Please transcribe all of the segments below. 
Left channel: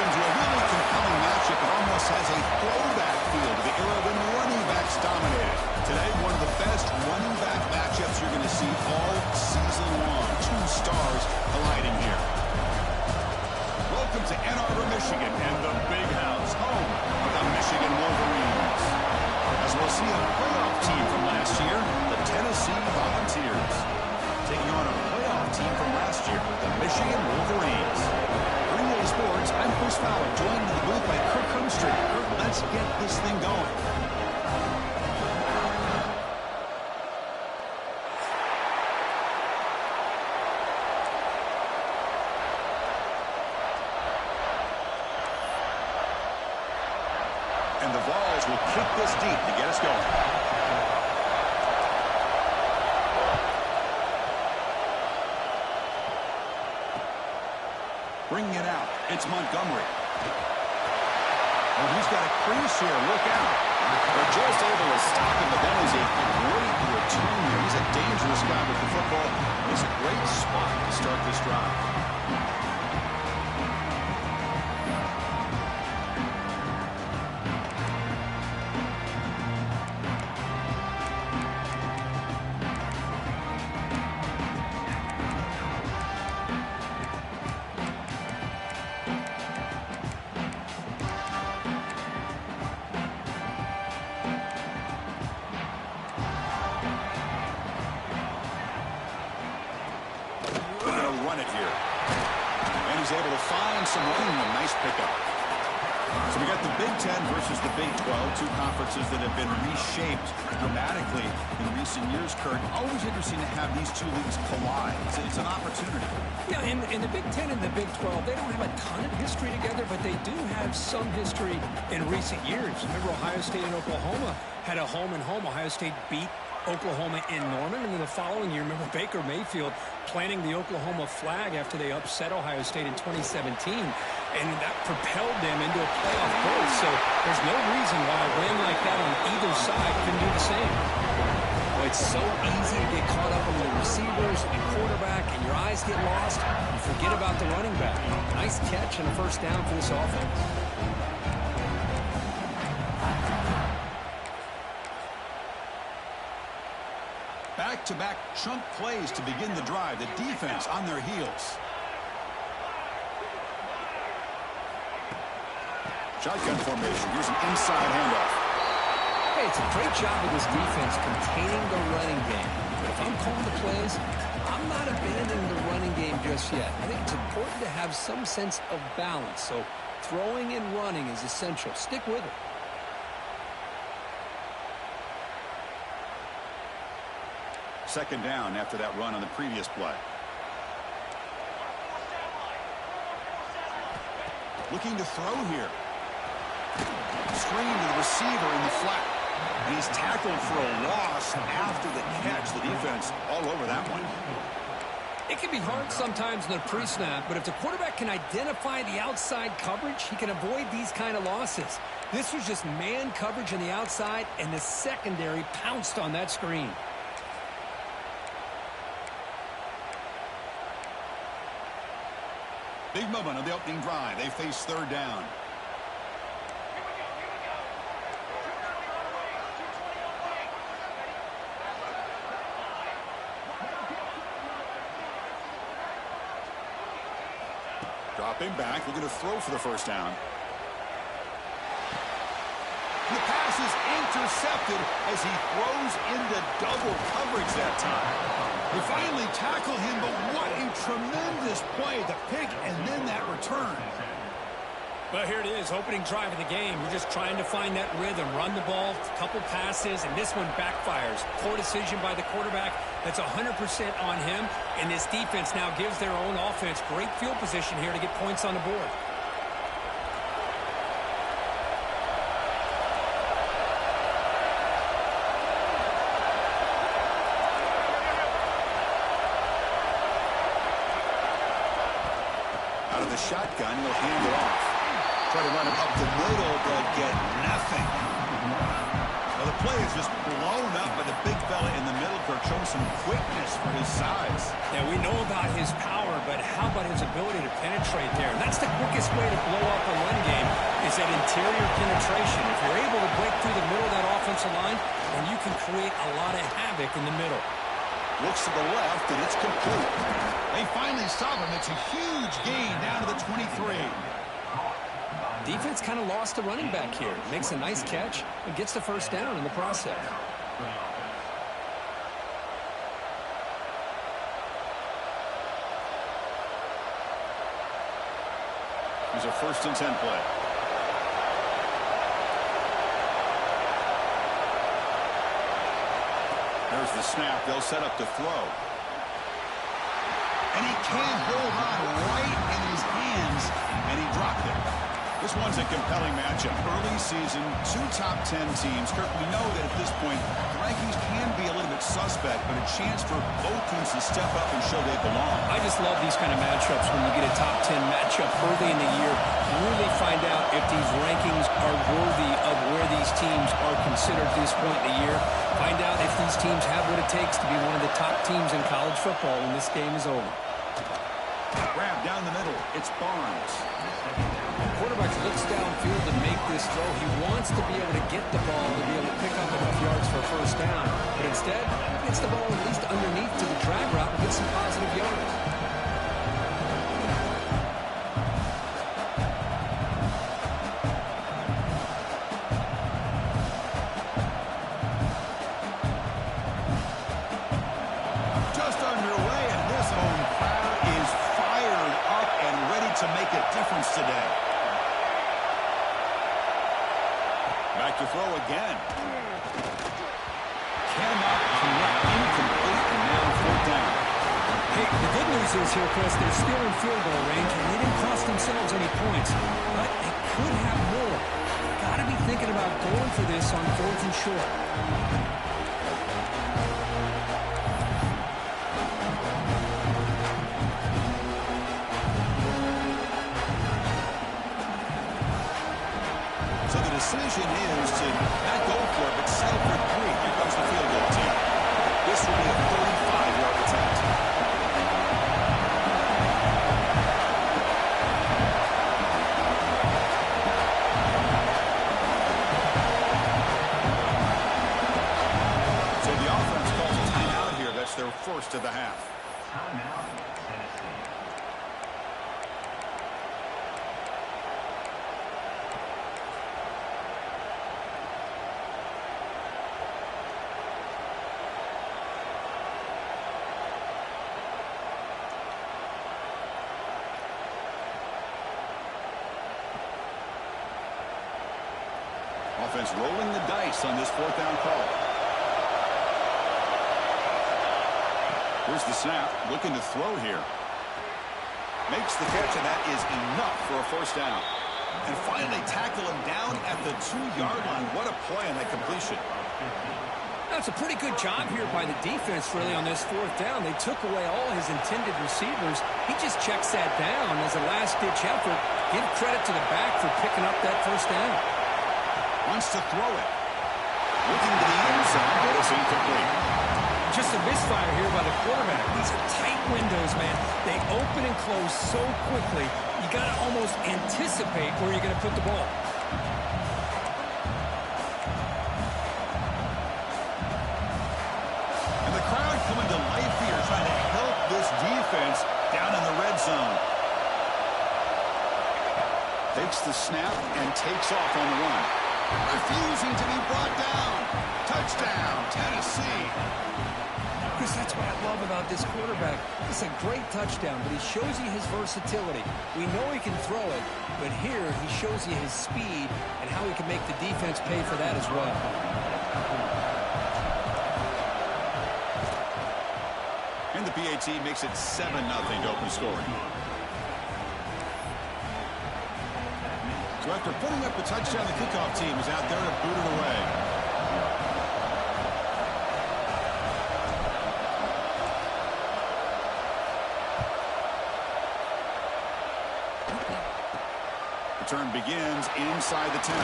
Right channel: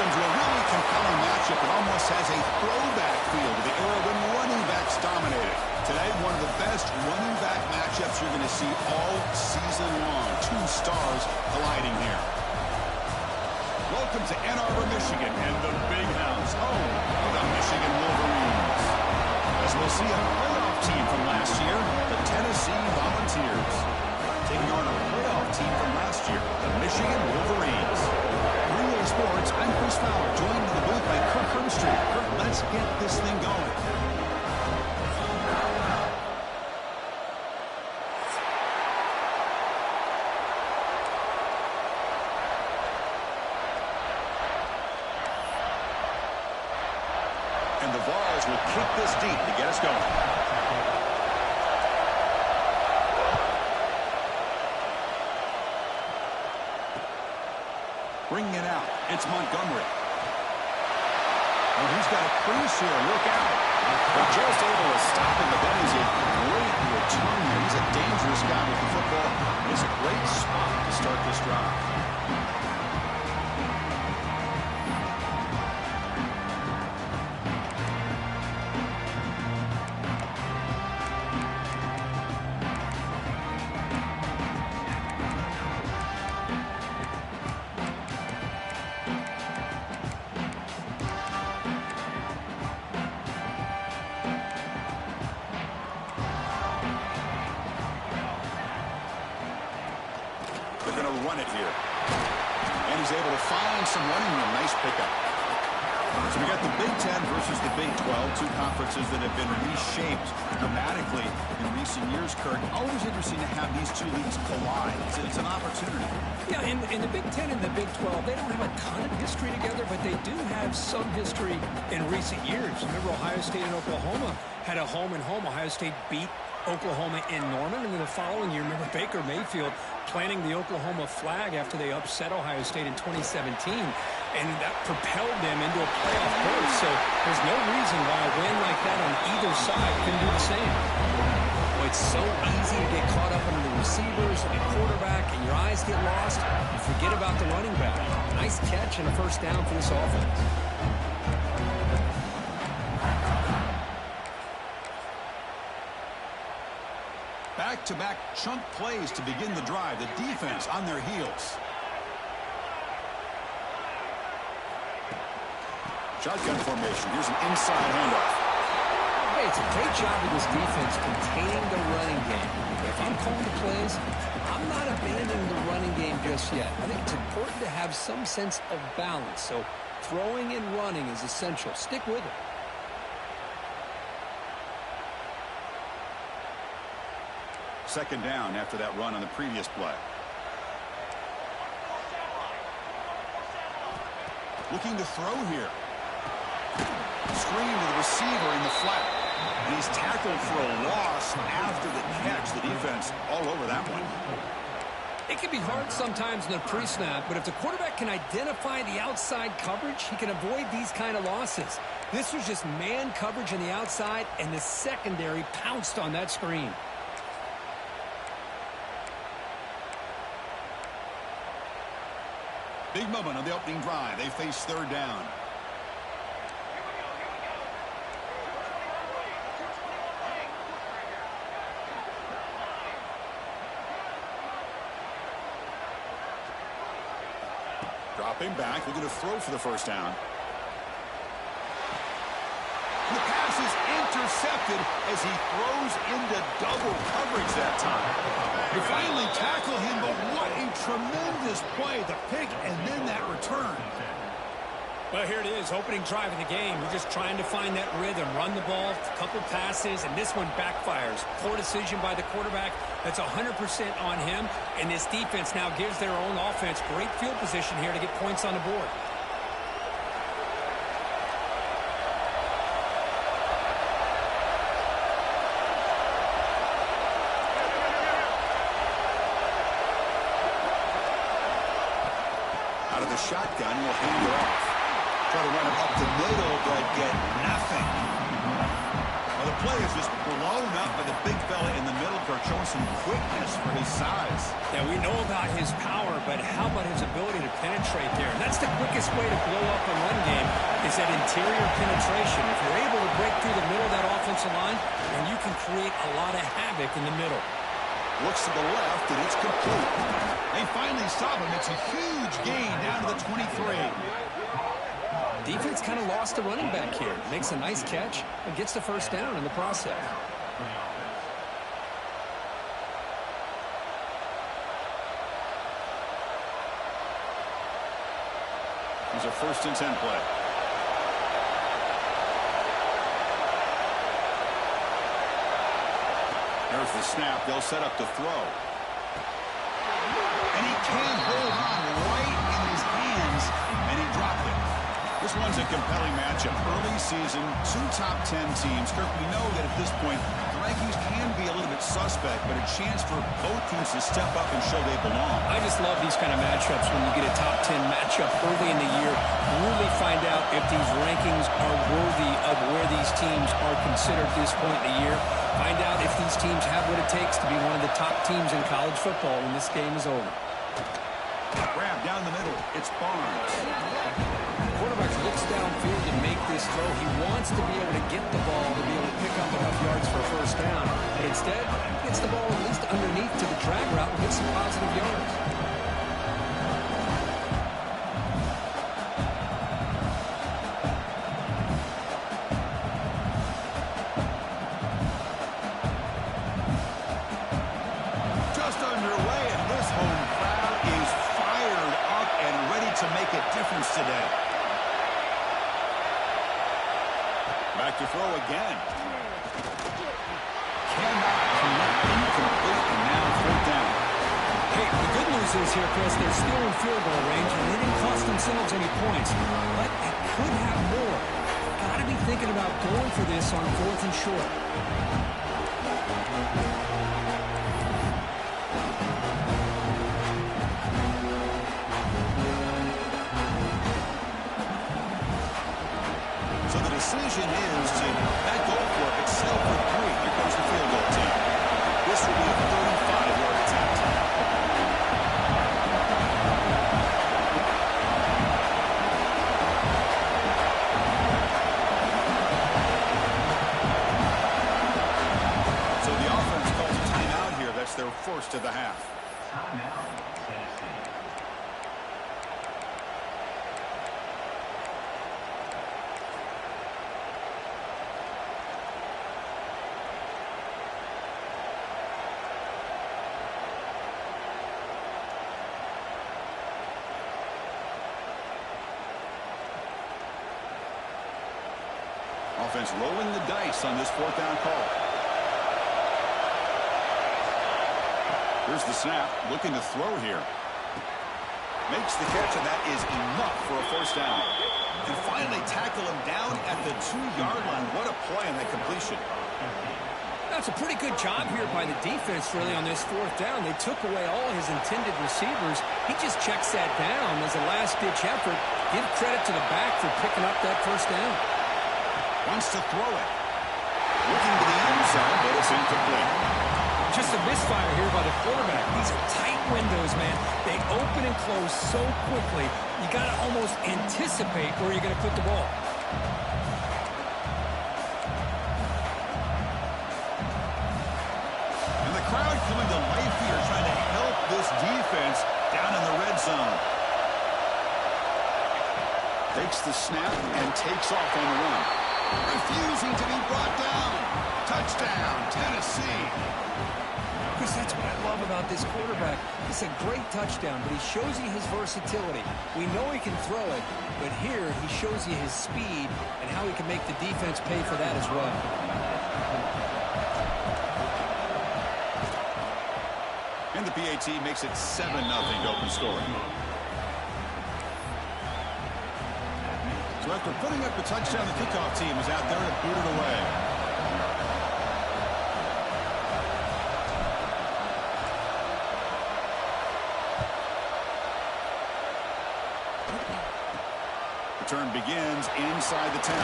Welcome to a really compelling matchup that almost has a throwback feel to the era when running backs dominated. Today, one of the best running back matchups you're going to see all season long. Two stars colliding here. Welcome to Ann Arbor, Michigan, and the Big House, home of the Michigan Wolverines. As we'll see a playoff team from last year, the Tennessee Volunteers, taking on a playoff team from last year, the Michigan Wolverines. 3A Sports, I'm Chris Fowler, joined in the booth by Kirk Hermstreet. Kirk, let's get this thing going. And the Vols will kick this deep to get us going. Bringing it out, it's Montgomery. Oh, he's got a crease here, look out. They're just able to stop him, but that is a great return here. He's a dangerous guy with the football. It's a great spot to start this drive. Run it here. And he's able to find some running room. Nice pickup. So we got the Big Ten versus the Big 12, two conferences that have been reshaped dramatically in recent years, Kirk. Always interesting to have these two leagues collide. It's an opportunity. Yeah, in the Big Ten and the Big 12, they don't have a ton of history together, but they do have some history in recent years. Remember, Ohio State and Oklahoma had a home-and-home. Ohio State beat Oklahoma in Norman, and then the following year, remember Baker Mayfield planting the Oklahoma flag after they upset Ohio State in 2017, and that propelled them into a playoff berth. So there's no reason why a win like that on either side couldn't do the same. Well, it's so easy to get caught up under the receivers and quarterback, and your eyes get lost. You forget about the running back. Nice catch and a first down for this offense. Back-to-back chunk plays to begin the drive. The defense on their heels. Shotgun formation. Here's an inside handoff. Hey, it's a great job of this defense containing the running game. But if I'm calling the plays, I'm not abandoning the running game just yet. I think it's important to have some sense of balance. So throwing and running is essential. Stick with it. Second down after that run on the previous play. Looking to throw here. Screen to the receiver in the flat. And he's tackled for a loss after the catch. The defense all over that one. It can be hard sometimes in the pre-snap, but if the quarterback can identify the outside coverage, he can avoid these kind of losses. This was just man coverage on the outside, and the secondary pounced on that screen. Big moment on the opening drive. They face third down. Here we go. 221 wing. Dropping back, looking to throw for the first down. And the pass is intercepted as he throws into double coverage that time. They finally tackle him, but what a tremendous play. The pick and then that return. Well, here it is, opening drive of the game. You're just trying to find that rhythm, run the ball, a couple passes, and this one backfires. Poor decision by the quarterback. That's 100% on him, and this defense now gives their own offense great field position here to get points on the board. Out of the shotgun, he'll hand it off. Try to run it up the middle, but get nothing. Well, the play is just blown up by the big fella in the middle, Kirk, showing some quickness for his size. Yeah, we know about his power, but how about his ability to penetrate there? And that's the quickest way to blow up a run game is that interior penetration. If you're able to break through the middle of that offensive line, then you can create a lot of havoc in the middle. Looks to the left, and it's complete. They finally stop him. It's a huge gain down to the 23. Defense kind of lost a running back here. Makes a nice catch and gets the first down in the process. Here's a 1st and 10 play. There's the snap. They'll set up to throw. And he can't hold on right in his hands, and he dropped it. This one's a compelling matchup. Early season, 2 top 10 teams. Kirk, we know that at this point, the rankings can be a little bit suspect, but a chance for both teams to step up and show they belong. I just love these kind of matchups when you get a top 10 matchup early in the year. Really find out if these rankings are worthy of where these teams are considered at this point in the year. Find out if these teams have what it takes to be one of the top teams in college football when this game is over. Grab down the middle. It's Barnes. Quarterback looks downfield to make this throw. He wants to be able to get the ball to be able to pick up enough yards for a first down. But instead, he gets the ball at least underneath to the drag route and gets some positive yards. Just underway, and this home crowd is fired up and ready to make a difference today. Back to throw again. Cannot connect. Incomplete, and now 4th down. Hey, the good news is here, Chris, they're still in field goal range, and they didn't cost themselves any points. But they could have more. Got to be thinking about going for this on 4th and short. So the decision is to not go for it, but settle for 3. Here comes the field goal team. This will be a 35-yard attempt. So the offense calls a timeout here. That's their first of the half. Timeout, Tennessee. Offense rolling the dice on this 4th down call. Here's the snap. Looking to throw here. Makes the catch, and that is enough for a first down. And finally tackle him down at the 2-yard line. What a play on that completion. That's a pretty good job here by the defense, really, on this 4th down. They took away all his intended receivers. He just checks that down as a last-ditch effort. Give credit to the back for picking up that first down. Wants to throw it. Looking to the end zone, but it's incomplete. Just a misfire here by the quarterback. These are tight windows, man. They open and close so quickly, you got to almost anticipate where you're going to put the ball. And the crowd coming to life here, trying to help this defense down in the red zone. Takes the snap and takes off on the run. Refusing to be brought down. Touchdown, Tennessee. Chris, that's what I love about this quarterback. It's a great touchdown, but he shows you his versatility. We know he can throw it, but here he shows you his speed and how he can make the defense pay for that as well. And the PAT makes it 7-0 to open scoring. So after putting up a touchdown, the kickoff team is out there to boot it away. Return begins inside the 10.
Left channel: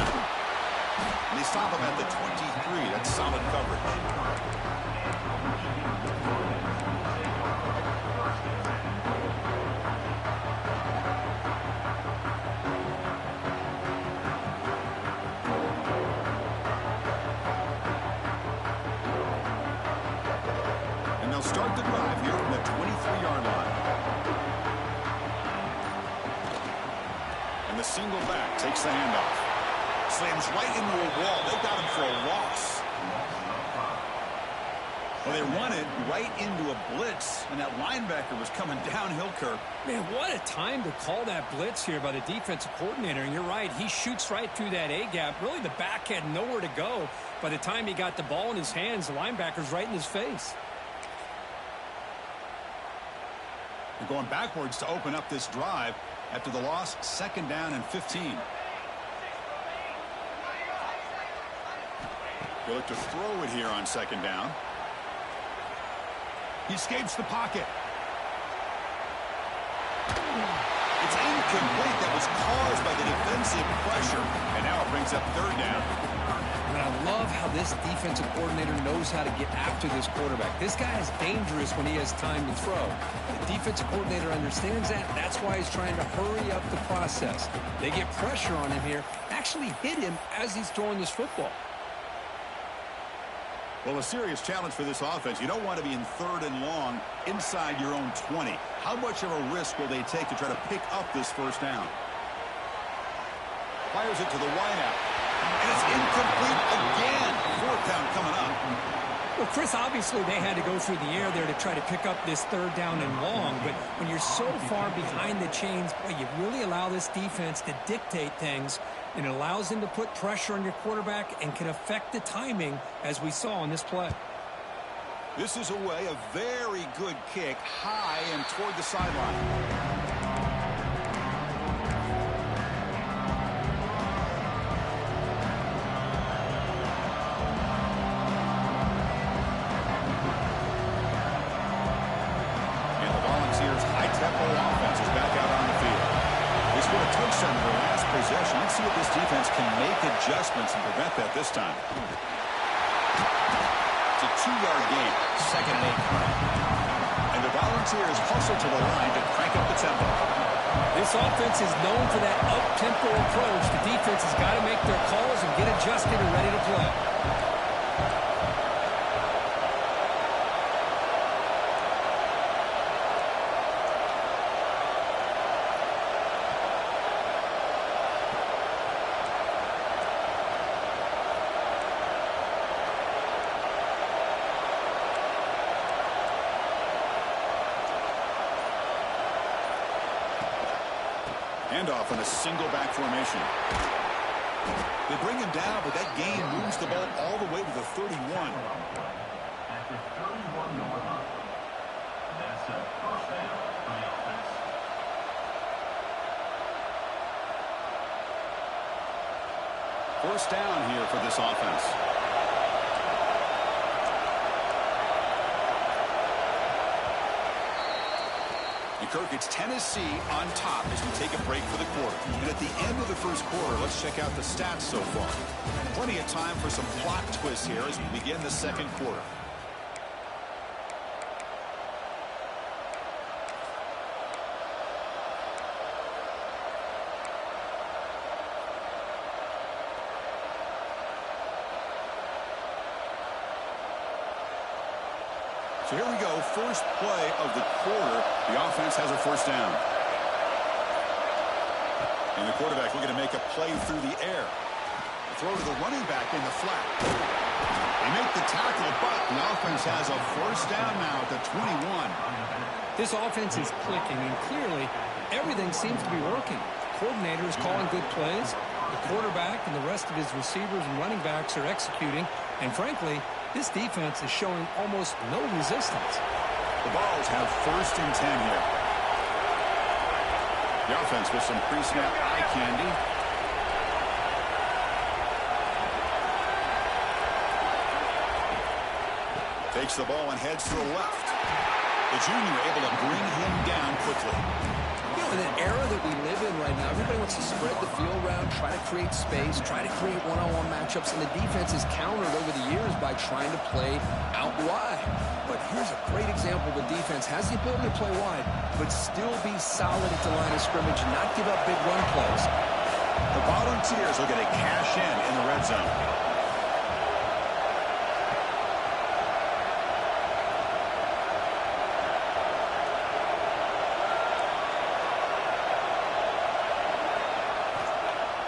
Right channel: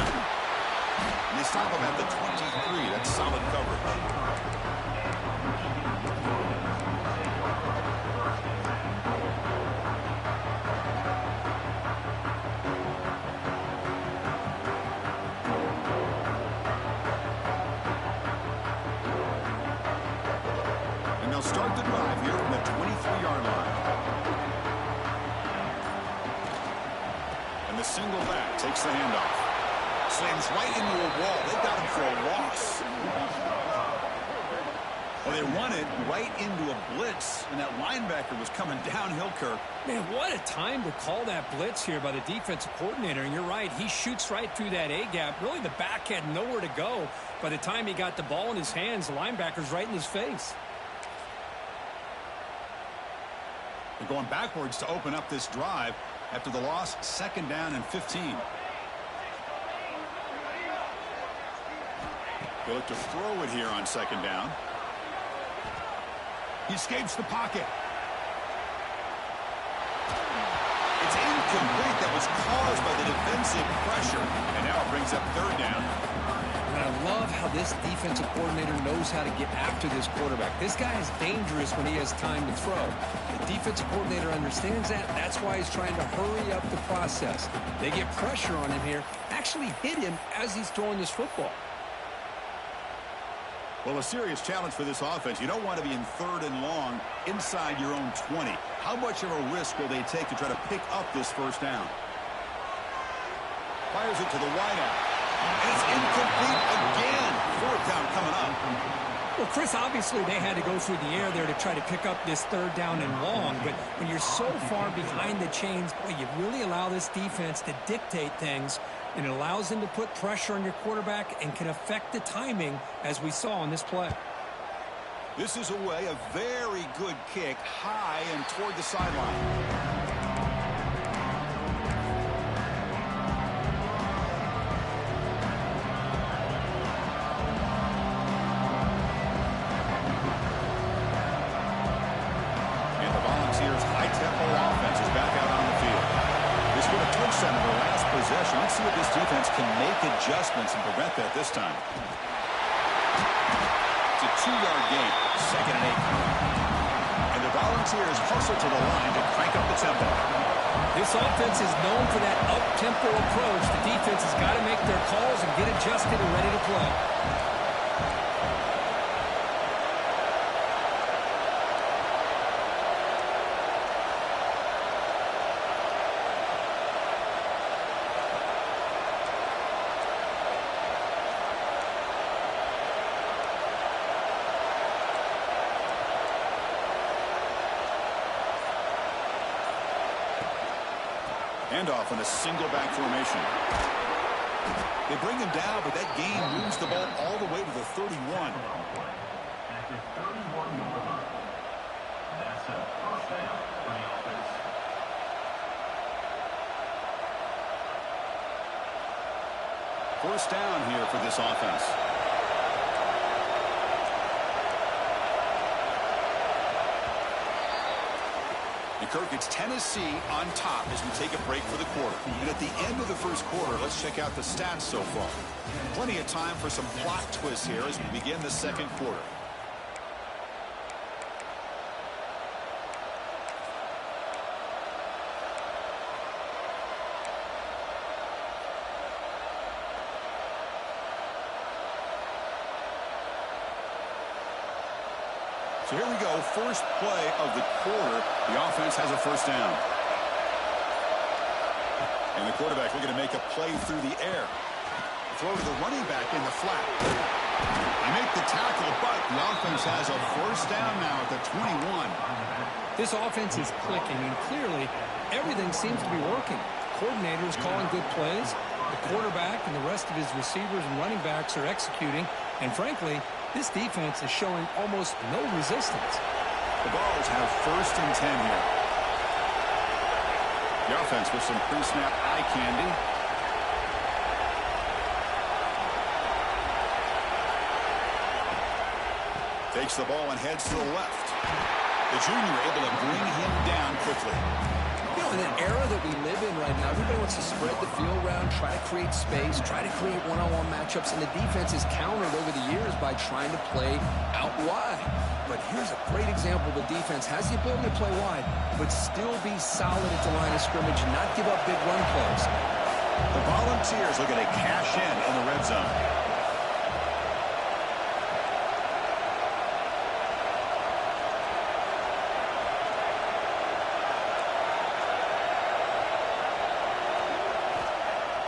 And they stop him at the 23. That's solid coverage. And they'll start the drive here from the 23-yard line. And the single back takes the handoff. Slams right into a wall. They got him for a loss. Well, they run it right into a blitz, and that linebacker was coming downhill, Kirk. Man, what a time to call that blitz here by the defensive coordinator. And you're right, he shoots right through that A-gap. Really, the back had nowhere to go. By the time he got the ball in his hands, the linebacker's right in his face. They're going backwards to open up this drive after the loss, 2nd down and 15. They look to throw it here on 2nd down. He escapes the pocket. It's incomplete. That was caused by the defensive pressure. And now it brings up 3rd down. And I love how this defensive coordinator knows how to get after this quarterback. This guy is dangerous when he has time to throw. The defensive coordinator understands that. That's why he's trying to hurry up the process. They get pressure on him here, actually hit him as he's throwing this football. Well, a serious challenge for this offense. You don't want to be in 3rd and long inside your own 20. How much of a risk will they take to try to pick up this 1st down? Fires it to the wideout. And it's incomplete again. 4th down coming up. Well, Chris, obviously they had to go through the air there to try to pick up this 3rd down and long. But when you're so far behind the chains, boy, you really allow this defense to dictate things. And it allows them to put pressure on your quarterback and can affect the timing, as we saw on this play. This is away, a very good kick, high and toward the sideline. High-tempo offense is back out on the field. They scored a touchdown in their last possession. Let's see if this defense can make adjustments and prevent that this time. It's a 2-yard gain. 2nd and 8 coming up. And the Volunteers hustle to the line to crank up the tempo. This offense is known for that up-tempo approach. The defense has got to make their calls and get adjusted and ready to play. Handoff in a single back formation. They bring him down, but that gain moves the ball all the way to the 31. At the 31-yard line. That's a 1st down for the offense. First down here for this offense. And Kirk, it's Tennessee on top as we take a break for the quarter. And at the end of the 1st quarter, let's check out the stats so far. Plenty of time for some plot twists here as we begin the 2nd quarter. So here we go, first play of the quarter. The offense has a 1st down. And the quarterback looking to make a play through the air. Throw to the running back in the flat. They make the tackle, but the offense has a 1st down now at the 21. This offense is clicking, and clearly everything seems to be working. The coordinator is calling good plays. The quarterback and the rest of his receivers and running backs are executing. And frankly, this defense is showing almost no resistance. The Balls have 1st and 10 here. The offense with some pre-snap eye candy. Takes the ball and heads to the left. The junior able to bring him down quickly. You know, in an era that we live in right now, everybody wants to spread the field around, try to create space, try to create one-on-one matchups, and the defense is countered over the years by trying to play out wide. But here's a great example. The defense has the ability to play wide, but still be solid at the line of scrimmage and not give up big run plays. The Volunteers looking to cash in the red zone.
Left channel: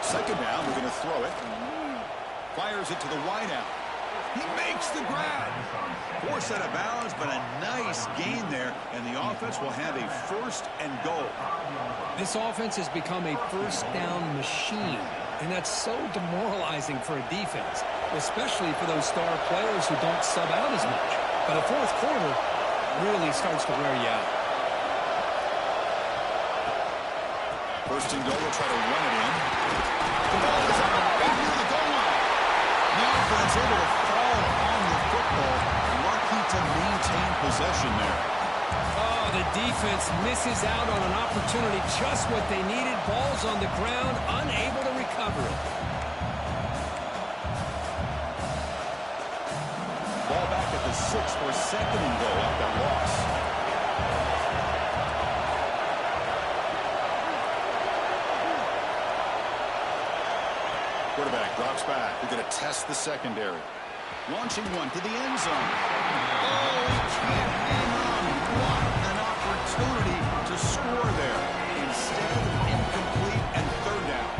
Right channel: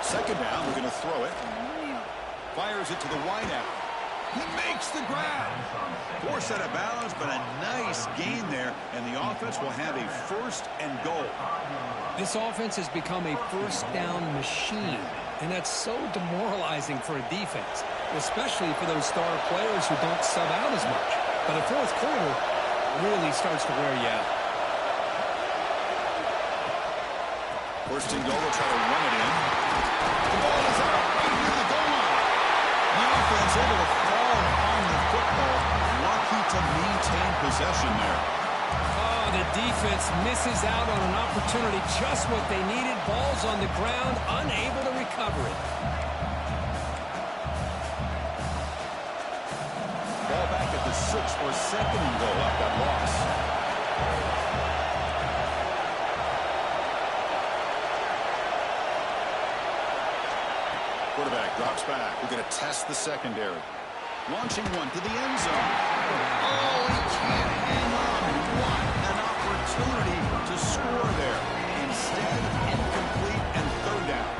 Second down, we're going to throw it. Fires it to the wideout. He makes the grab. Force out of bounds, but a nice gain there, and the offense will have a first and goal. This offense has become a first down machine, and that's so demoralizing for a defense, especially for those star players who don't sub out as much. But the fourth quarter really starts to wear you out. First and goal, they'll try to run it in. The ball is out right near the goal line. The offense able to fall on the football. Lucky to maintain possession there. Oh, the defense misses out on an opportunity, just what they needed. Ball's on the ground, unable to recover it. Ball back at the 6 for second and goal off that loss. Quarterback drops back. They're going to test the secondary. Launching one to the end zone. Oh, he can't hang on. What an opportunity to score there. Instead, incomplete and third down.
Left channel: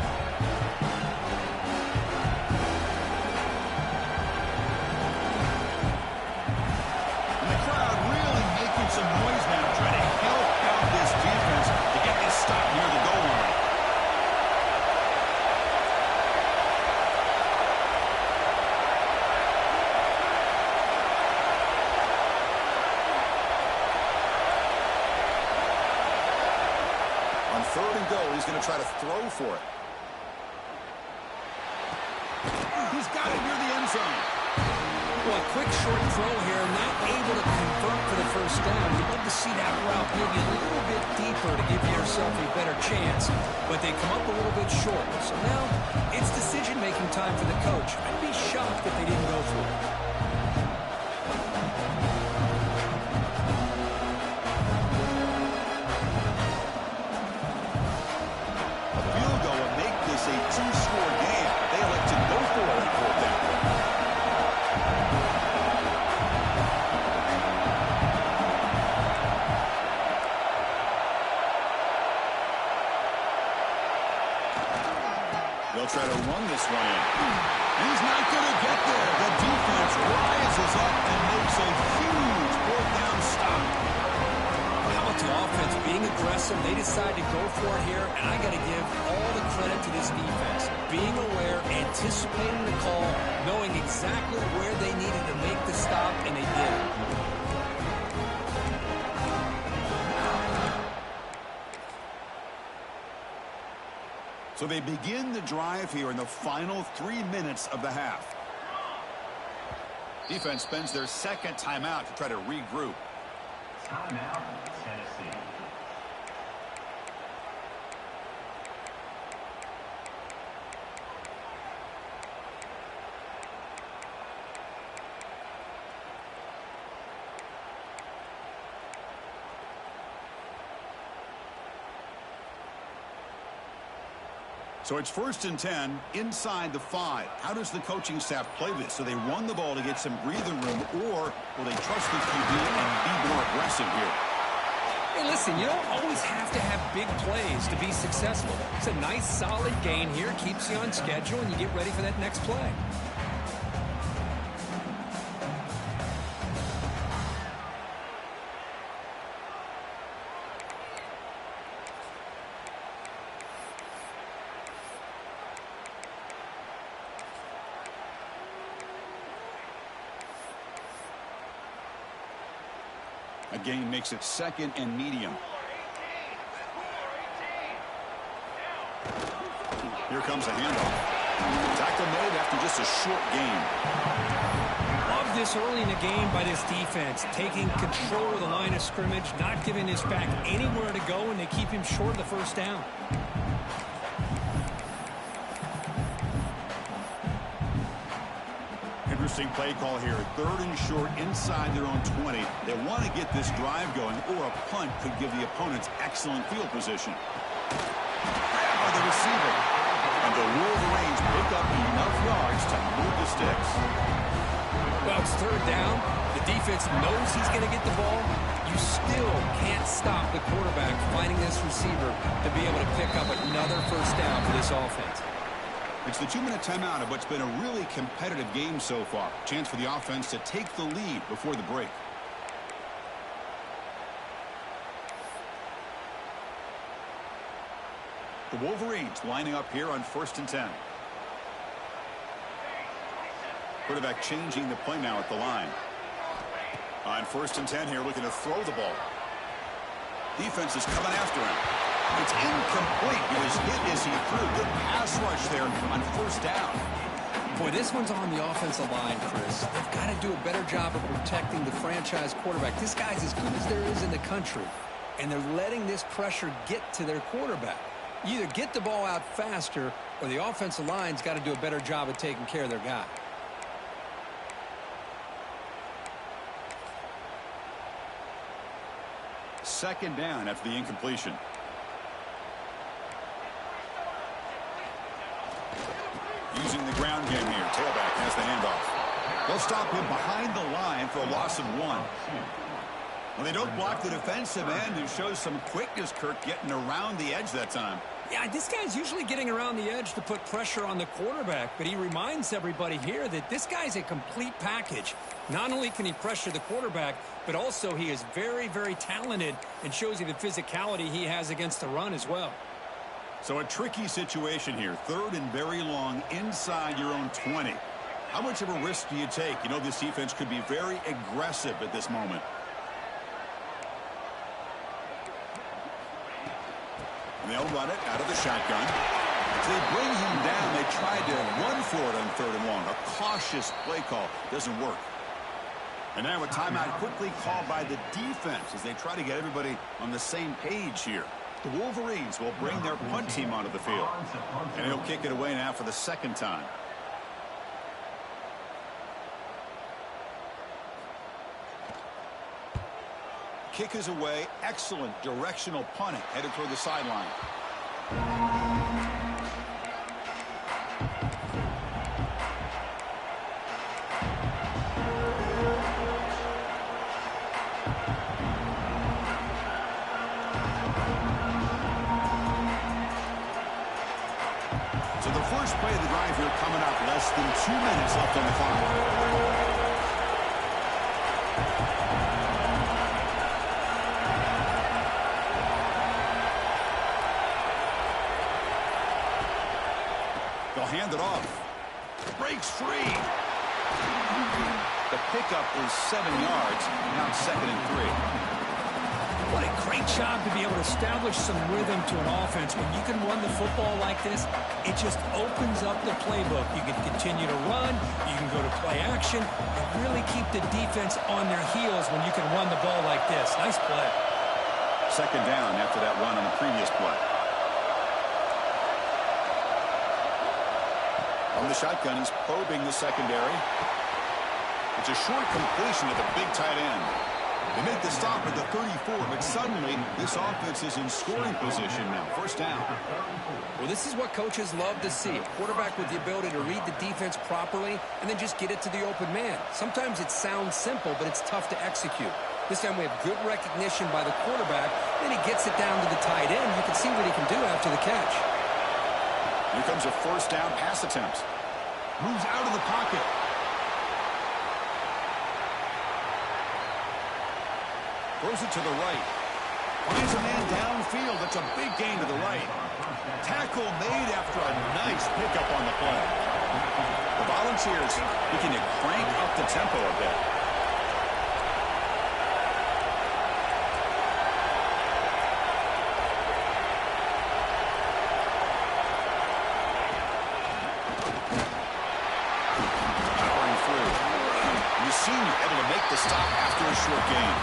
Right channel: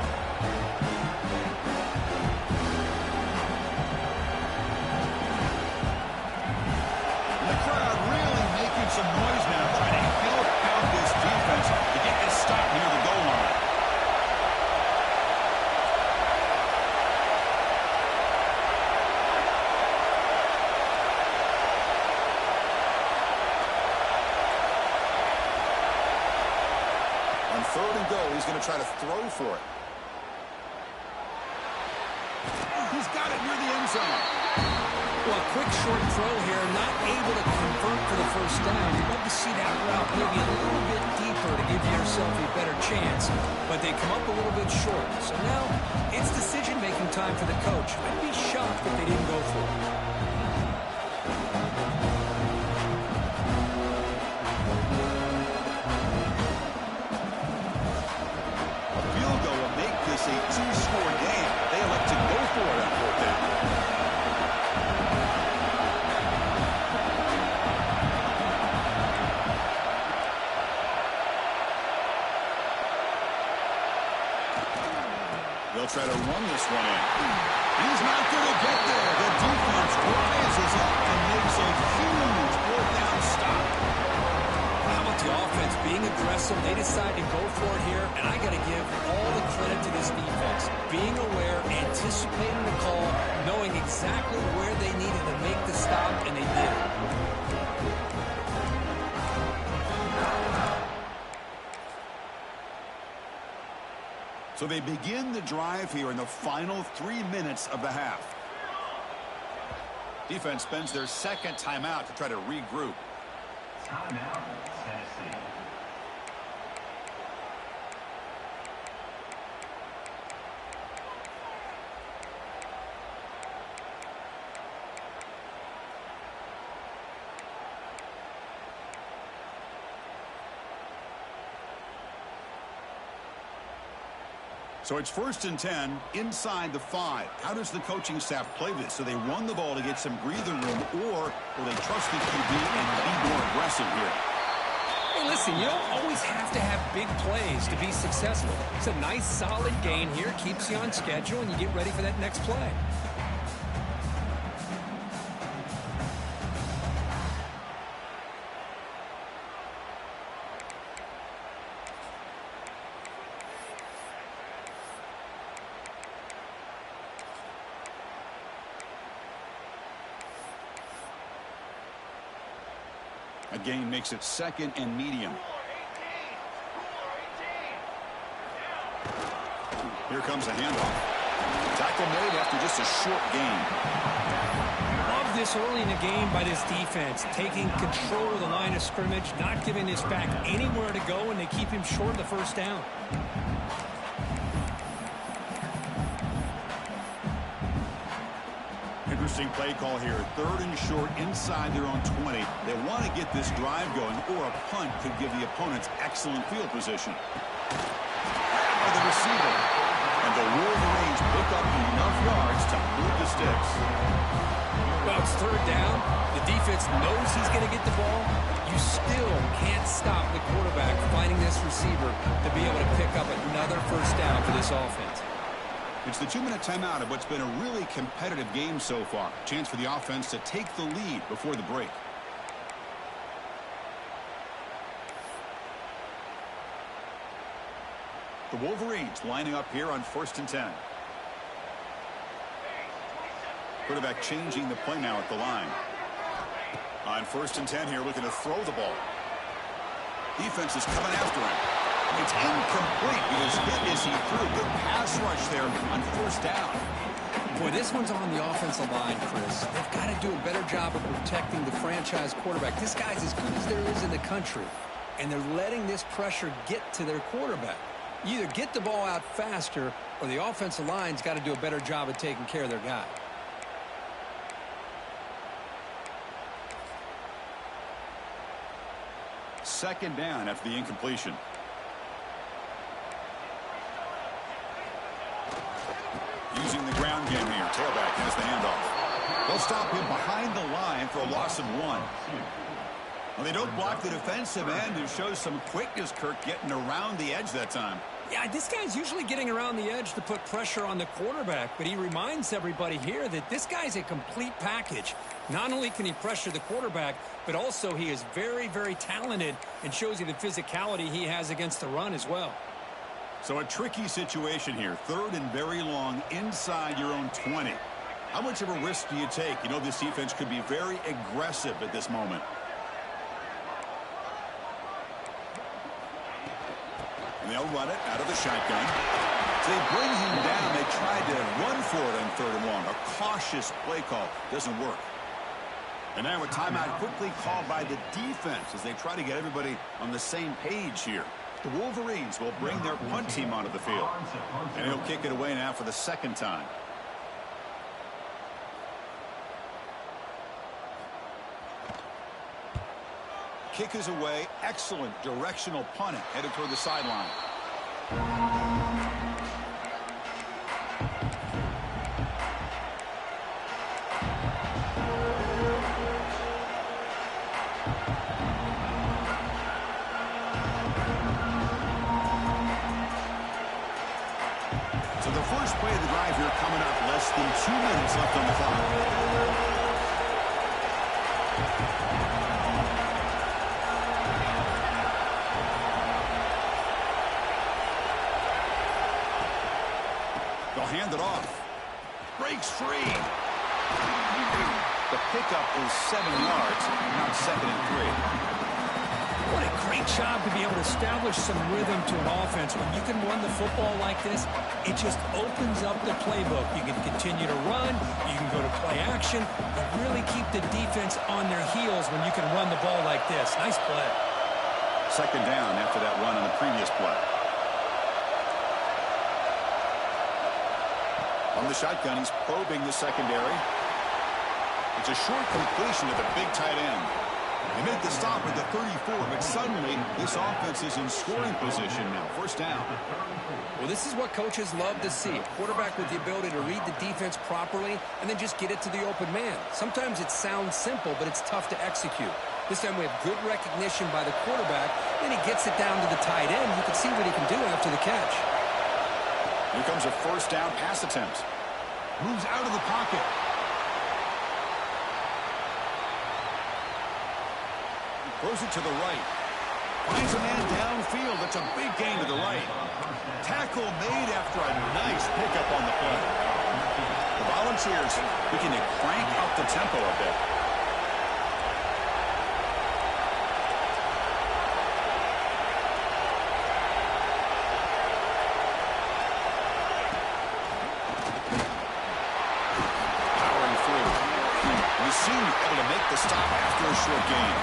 And the crowd really making some noise now, trying to help out this defense to get this stop near the goal line. On third and goal, he's going to try to throw for it. He's got it near the end zone. Well, a quick short throw here, not able to convert for the first down. You'd love to see that route maybe a little bit deeper to give yourself a better chance, but they come up a little bit short. So now it's decision-making time for the coach. I'd be shocked if they didn't go for it. A two-score game. They elect to go for it on fourth down. They'll try to run this one in. He's not going to get there. The defense rises up and makes a huge fourth down stop. How about the offense being aggressive? They decide to go for it here, and I got to give all the credit to this defense. Being aware, anticipating the call, knowing exactly where they needed to make the stop, and they did it. So they begin the drive here in the final 3 minutes of the half. Defense spends their second timeout to try to regroup. Timeout, Tennessee. So it's 1st and 10 inside the 5. How does the coaching staff play this? So they run the ball to get some breathing room, or will they trust the QB and be more aggressive here? Hey, listen, you don't always have to have big plays to be successful. It's a nice, solid gain here, keeps you on schedule, and you get ready for that next play. A gain makes it 2nd and medium. Here comes a handoff. Tackle made after just a short gain. Love this early in the game by this defense, taking control of the line of scrimmage, not giving this back anywhere to go, and they keep him short of the first down. Interesting play call here. 3rd and short inside their own 20. They want to get this drive going, or a punt could give the opponents excellent field position. Grab by the receiver. And the Wolverines pick up enough yards to move the sticks. Well, it's 3rd down. The defense knows he's going to get the ball. You still can't stop the quarterback finding this receiver to be able to pick up another first down for this offense. It's the 2-minute timeout of what's been a really competitive game so far. Chance for the offense to take the lead before the break. The Wolverines lining up here on 1st and 10. Quarterback changing the play now at the line. On 1st and 10 here, looking to throw the ball. Defense is coming after him. It's incomplete. He was hit as he threw. Good pass rush there on 1st down. Boy, this one's on the offensive line, Chris. They've got to do a better job of protecting the franchise quarterback. This guy's as good as there is in the country, and they're letting this pressure get to their quarterback. You either get the ball out faster, or the offensive line's got to do a better job of taking care of their guy. Second down after the incompletion. Using the ground game here. Tailback has the handoff. They'll stop him behind the line for a loss of 1. Well, they don't block the defensive end, who shows some quickness, Kirk, getting around the edge that time. Yeah, this guy's usually getting around the edge to put pressure on the quarterback, but he reminds everybody here that this guy's a complete package. Not only can he pressure the quarterback, but also he is very, very talented and shows you the physicality he has against the run as well. So a tricky situation here. 3rd and very long inside your own 20. How much of a risk do you take? You know, this defense could be very aggressive at this moment. And they'll run it out of the shotgun. So they bring him down. They tried to run for it on 3rd and long. A cautious play call doesn't work. And now a timeout quickly called by the defense as they try to get everybody on the same page here. The Wolverines will bring their punt team onto the field. And he'll kick it away now for the 2nd time. Kick is away. Excellent directional punting headed toward the sideline. So the first play of the drive here coming up. Less than 2 minutes left on the clock. They'll hand it off. Breaks free. The pickup is 7 yards. Now it's 2nd and 3. What a great job to be able to establish some rhythm to an offense. When you can run the football like this, it just opens up the playbook. You can continue to run. You can go to play action. And really keep the defense on their heels when you can run the ball like this. Nice play. 2nd down after that run on the previous play. On the shotgun, he's probing the secondary. It's a short completion to the big tight end. They make the stop at the 34, but suddenly this offense is in scoring position now. 1st down. Well, this is what coaches love to see. A quarterback with the ability to read the defense properly and then just get it to the open man. Sometimes it sounds simple, but it's tough to execute. This time we have good recognition by the quarterback. Then he gets it down to the tight end. You can see what he can do after the catch. Here comes a 1st down pass attempt. Moves out of the pocket. Throws it to the right. Finds a man downfield. That's a big gain to the right. Tackle made after a nice pickup on the play. The Volunteers looking to crank up the tempo a bit. senior, able to make the stop after a short gain.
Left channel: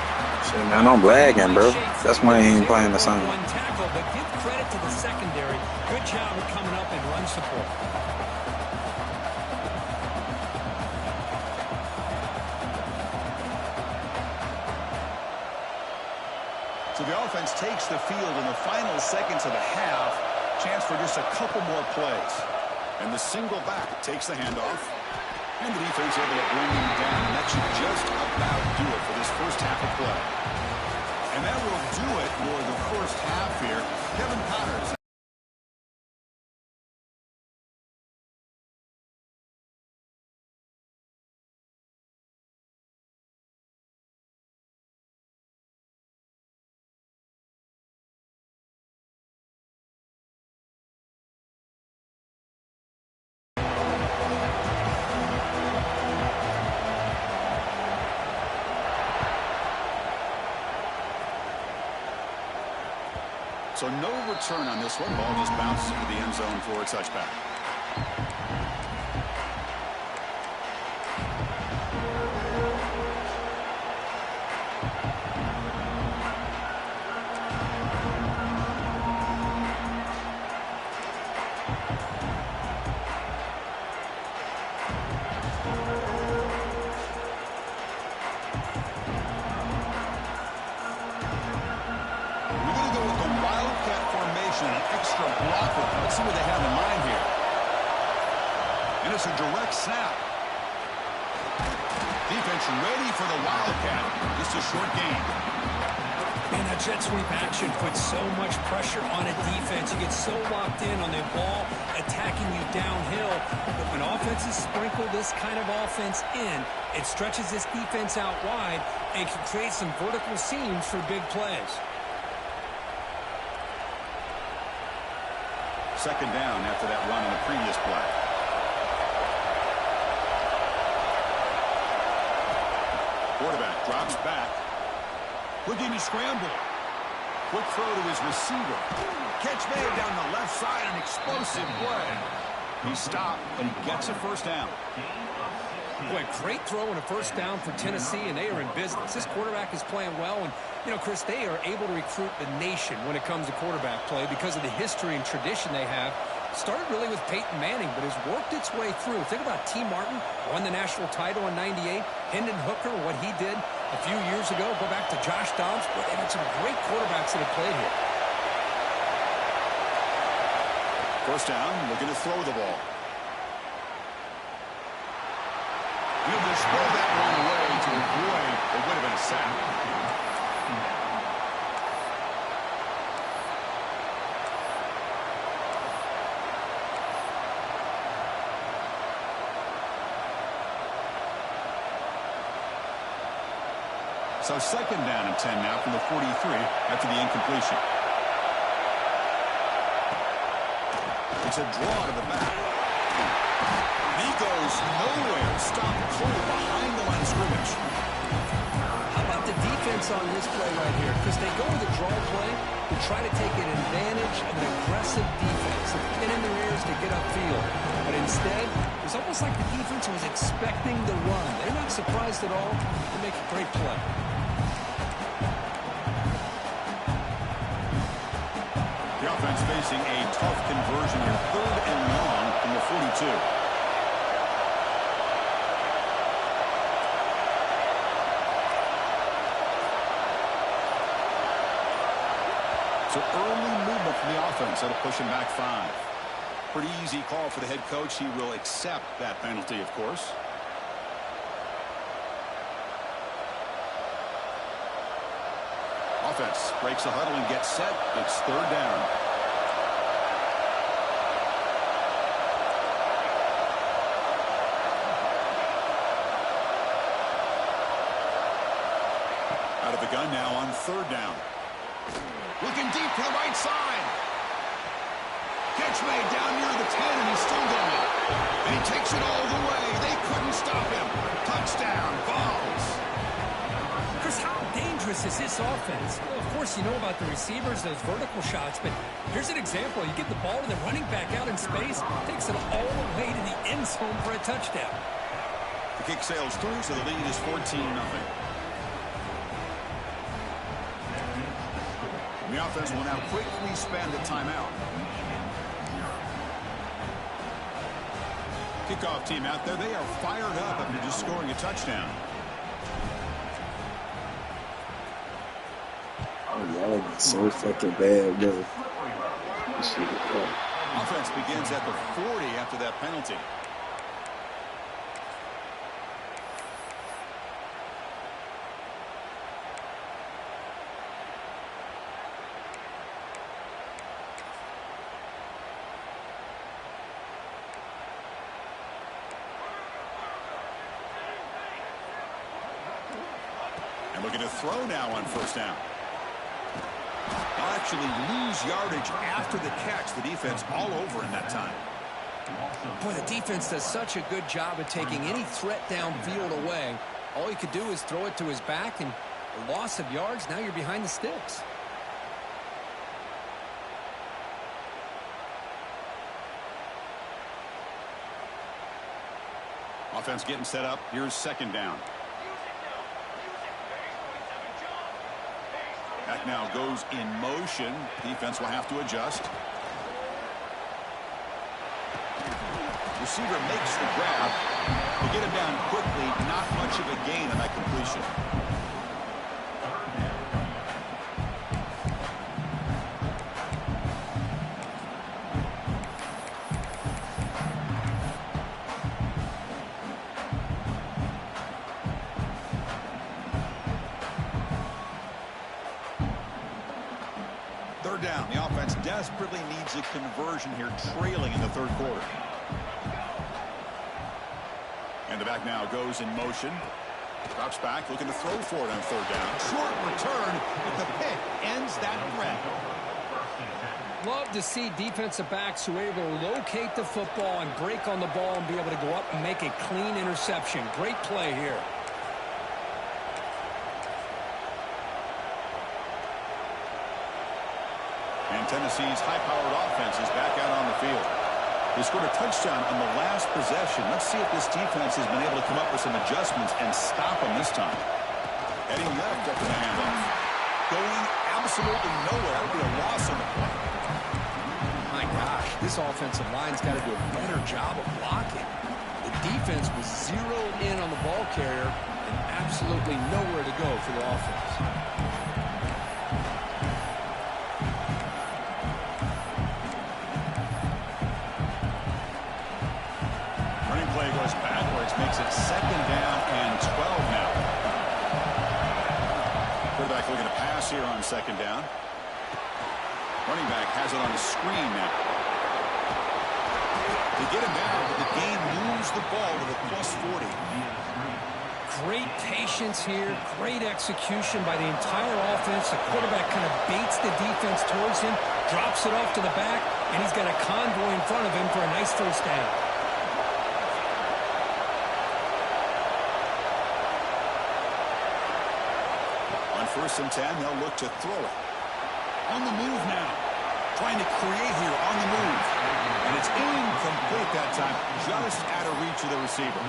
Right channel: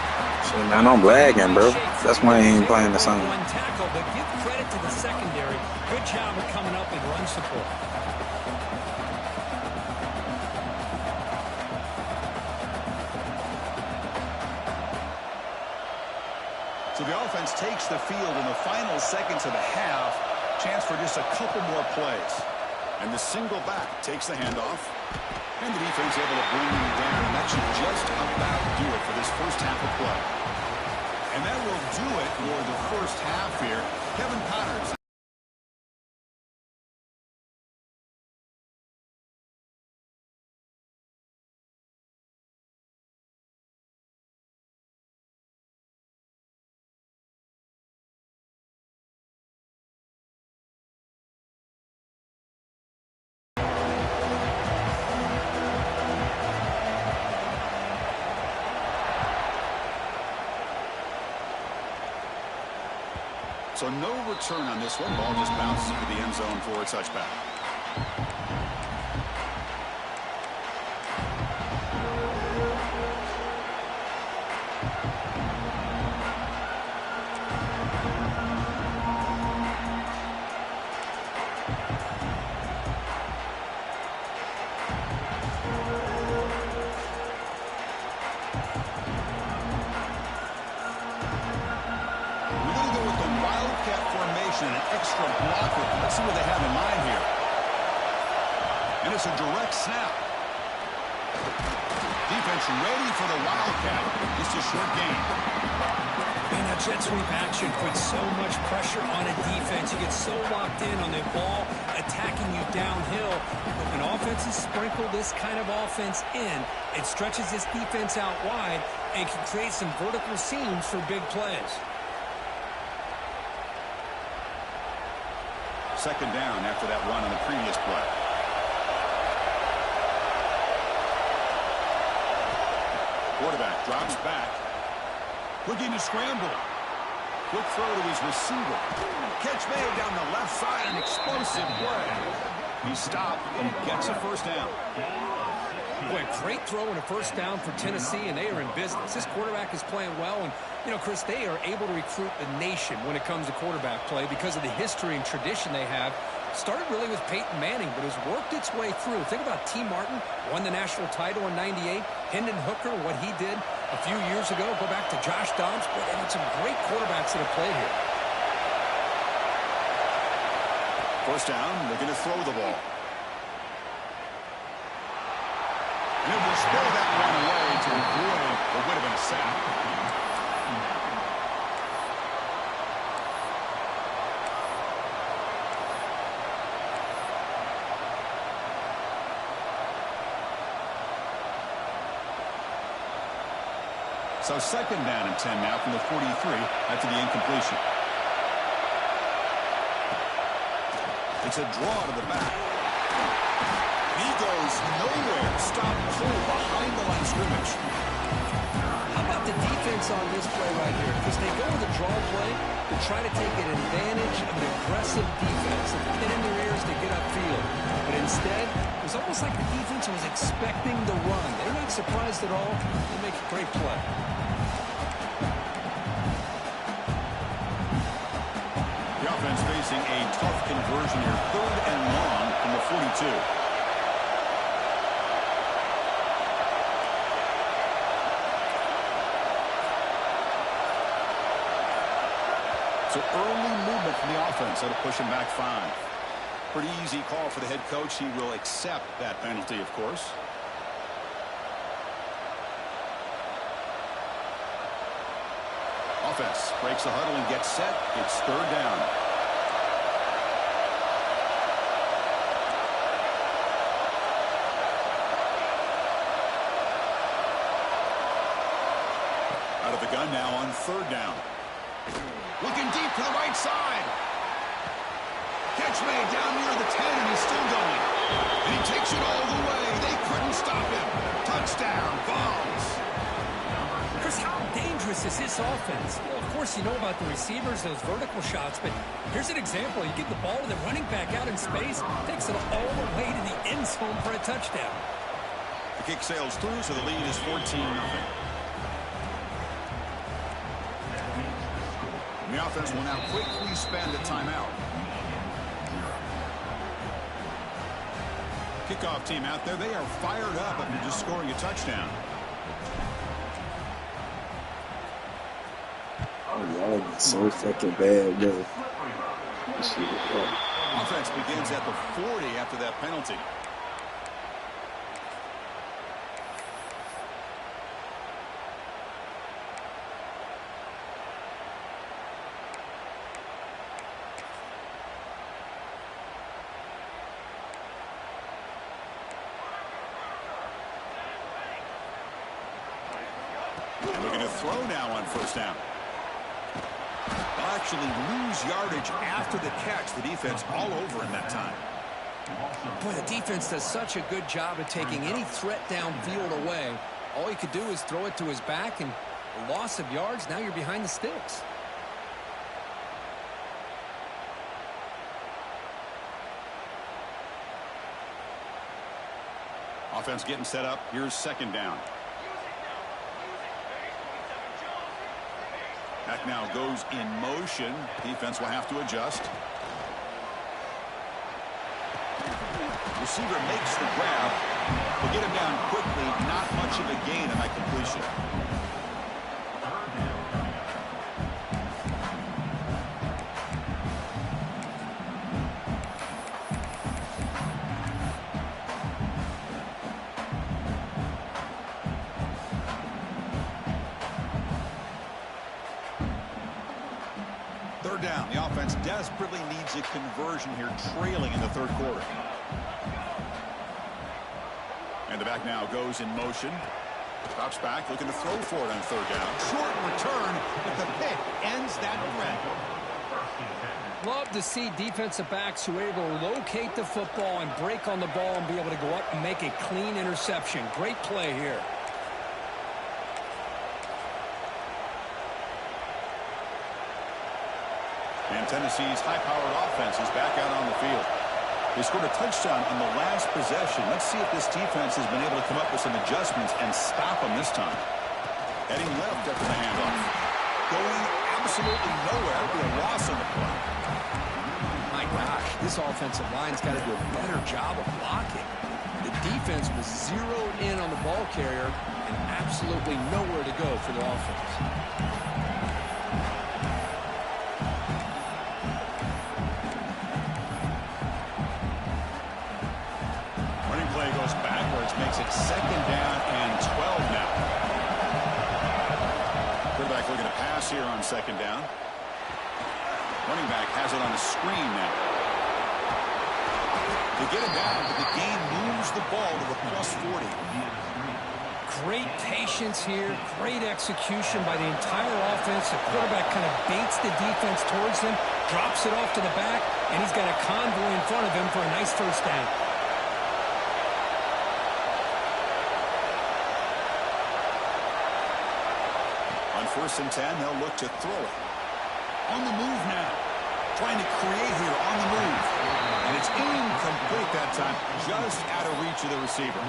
Shit, man, I'm lagging, bro. That's why he ain't playing the song. One tackle, but give credit to the secondary. Good job of coming up and run support. So the offense takes the field in the final seconds of the half. Chance for just a couple more plays. And the single back takes the handoff. And the defense able to bring him down. And that should just about do it for this first half of play. And that will do it for the first half here. Kevin Connors. So no return on this one. Ball just bounces into the end zone for a touchback. An extra blocker. Let's see what they have in mind here. And it's a direct snap. Defense ready for the Wildcat. Just a short gain. Man, that jet sweep action puts so much pressure on a defense. You get so locked in on the ball attacking you downhill. But when offenses sprinkle this kind of offense in, it stretches this defense out wide and can create some vertical seams for big plays. Second down after that run on the previous play. Quarterback drops back. Looking to scramble. Quick throw to his receiver. Catch made down the left side. An explosive play. He stopped and he gets a first down. Boy, great throw and a first down for Tennessee, and they are in business. This quarterback is playing well, and, you know, Chris, they are able to recruit the nation when it comes to quarterback play because of the history and tradition they have. Started really with Peyton Manning, but has worked its way through. Think about T. Martin, won the national title in '98. Hendon Hooker, what he did a few years ago. Go back to Josh Dobbs. Boy, they've had some great quarterbacks that have played here. First down, looking to throw the ball. And he'll just throw that one away to avoid what would have been a sack. So second down and 10 now from the 43 after the incompletion. It's a draw to the back. And he goes nowhere. Stopped cold behind the line of scrimmage. How about the defense on this play right here? Because they go with a draw play to try to take an advantage of an aggressive defense, of pinning their ears to get upfield. But instead, it was almost like the defense was expecting the run. They're not surprised at all. They make a great play. The offense facing a tough conversion here. 3rd and long from the 42. So early movement from the offense. That'll push him back 5. Pretty easy call for the head coach. He will accept that penalty, of course. Offense breaks the huddle and gets set. It's 3rd down. Out of the gun now on 3rd down. Looking deep to the right side. Catch made down near the 10, and he's still going. And he takes it all the way. They couldn't stop him. Touchdown, Vols. Chris, how dangerous is this offense? Well, of course, you know about the receivers, those vertical shots, but here's an example. You get the ball to the running back out in space, takes it all the way to the end zone for a touchdown. The kick sails through, so the lead is 14-0. The offense will now quickly spend a timeout. Kickoff team out there, they are fired up after just scoring a touchdown. Oh, y'all are so fucking bad, bro. This shit is fun. Offense begins at the 40 after that penalty. And looking to throw now on first down. They'll actually lose yardage after the catch. The defense all over in that time. Boy, the defense does such a good job of taking any threat downfield away. All you could do is throw it to his back, and a loss of yards, now you're behind the sticks. Offense getting set up. Here's second down. That now goes in motion. Defense will have to adjust. Receiver makes the grab. Will get him down quickly. Not much of a gain on that completion. Third down. The offense desperately needs a conversion here, trailing in the third quarter. And the back now goes in motion. Drops back, looking to throw for it on third down. Short return, but the pick ends that threat. Love to see defensive backs who are able to locate the football and break on the ball and be able to go up and make a clean interception. Great play here. And Tennessee's high-powered offense is back out on the field. They scored a touchdown on the last possession. Let's see if this defense has been able to come up with some adjustments and stop them this time. Heading left after the handoff. Going absolutely nowhere. That would be a loss on the play. My gosh, this offensive line's got to do a better job of blocking. The defense was zeroed in on the ball carrier and absolutely nowhere to go for the offense. Play goes backwards, makes it second down and 12 now. Quarterback looking to pass here on second down. Running back has it on the screen now. They get him down, but the game moves the ball to the plus 40. Great patience here, great execution by the entire offense. The quarterback kind of baits the defense towards him, drops it off to the back, and he's got a convoy in front of him for a nice first down. First and 10, they'll look to throw it. On the move now. Trying to create here on the move. And it's incomplete that time. Just out of reach of the receiver.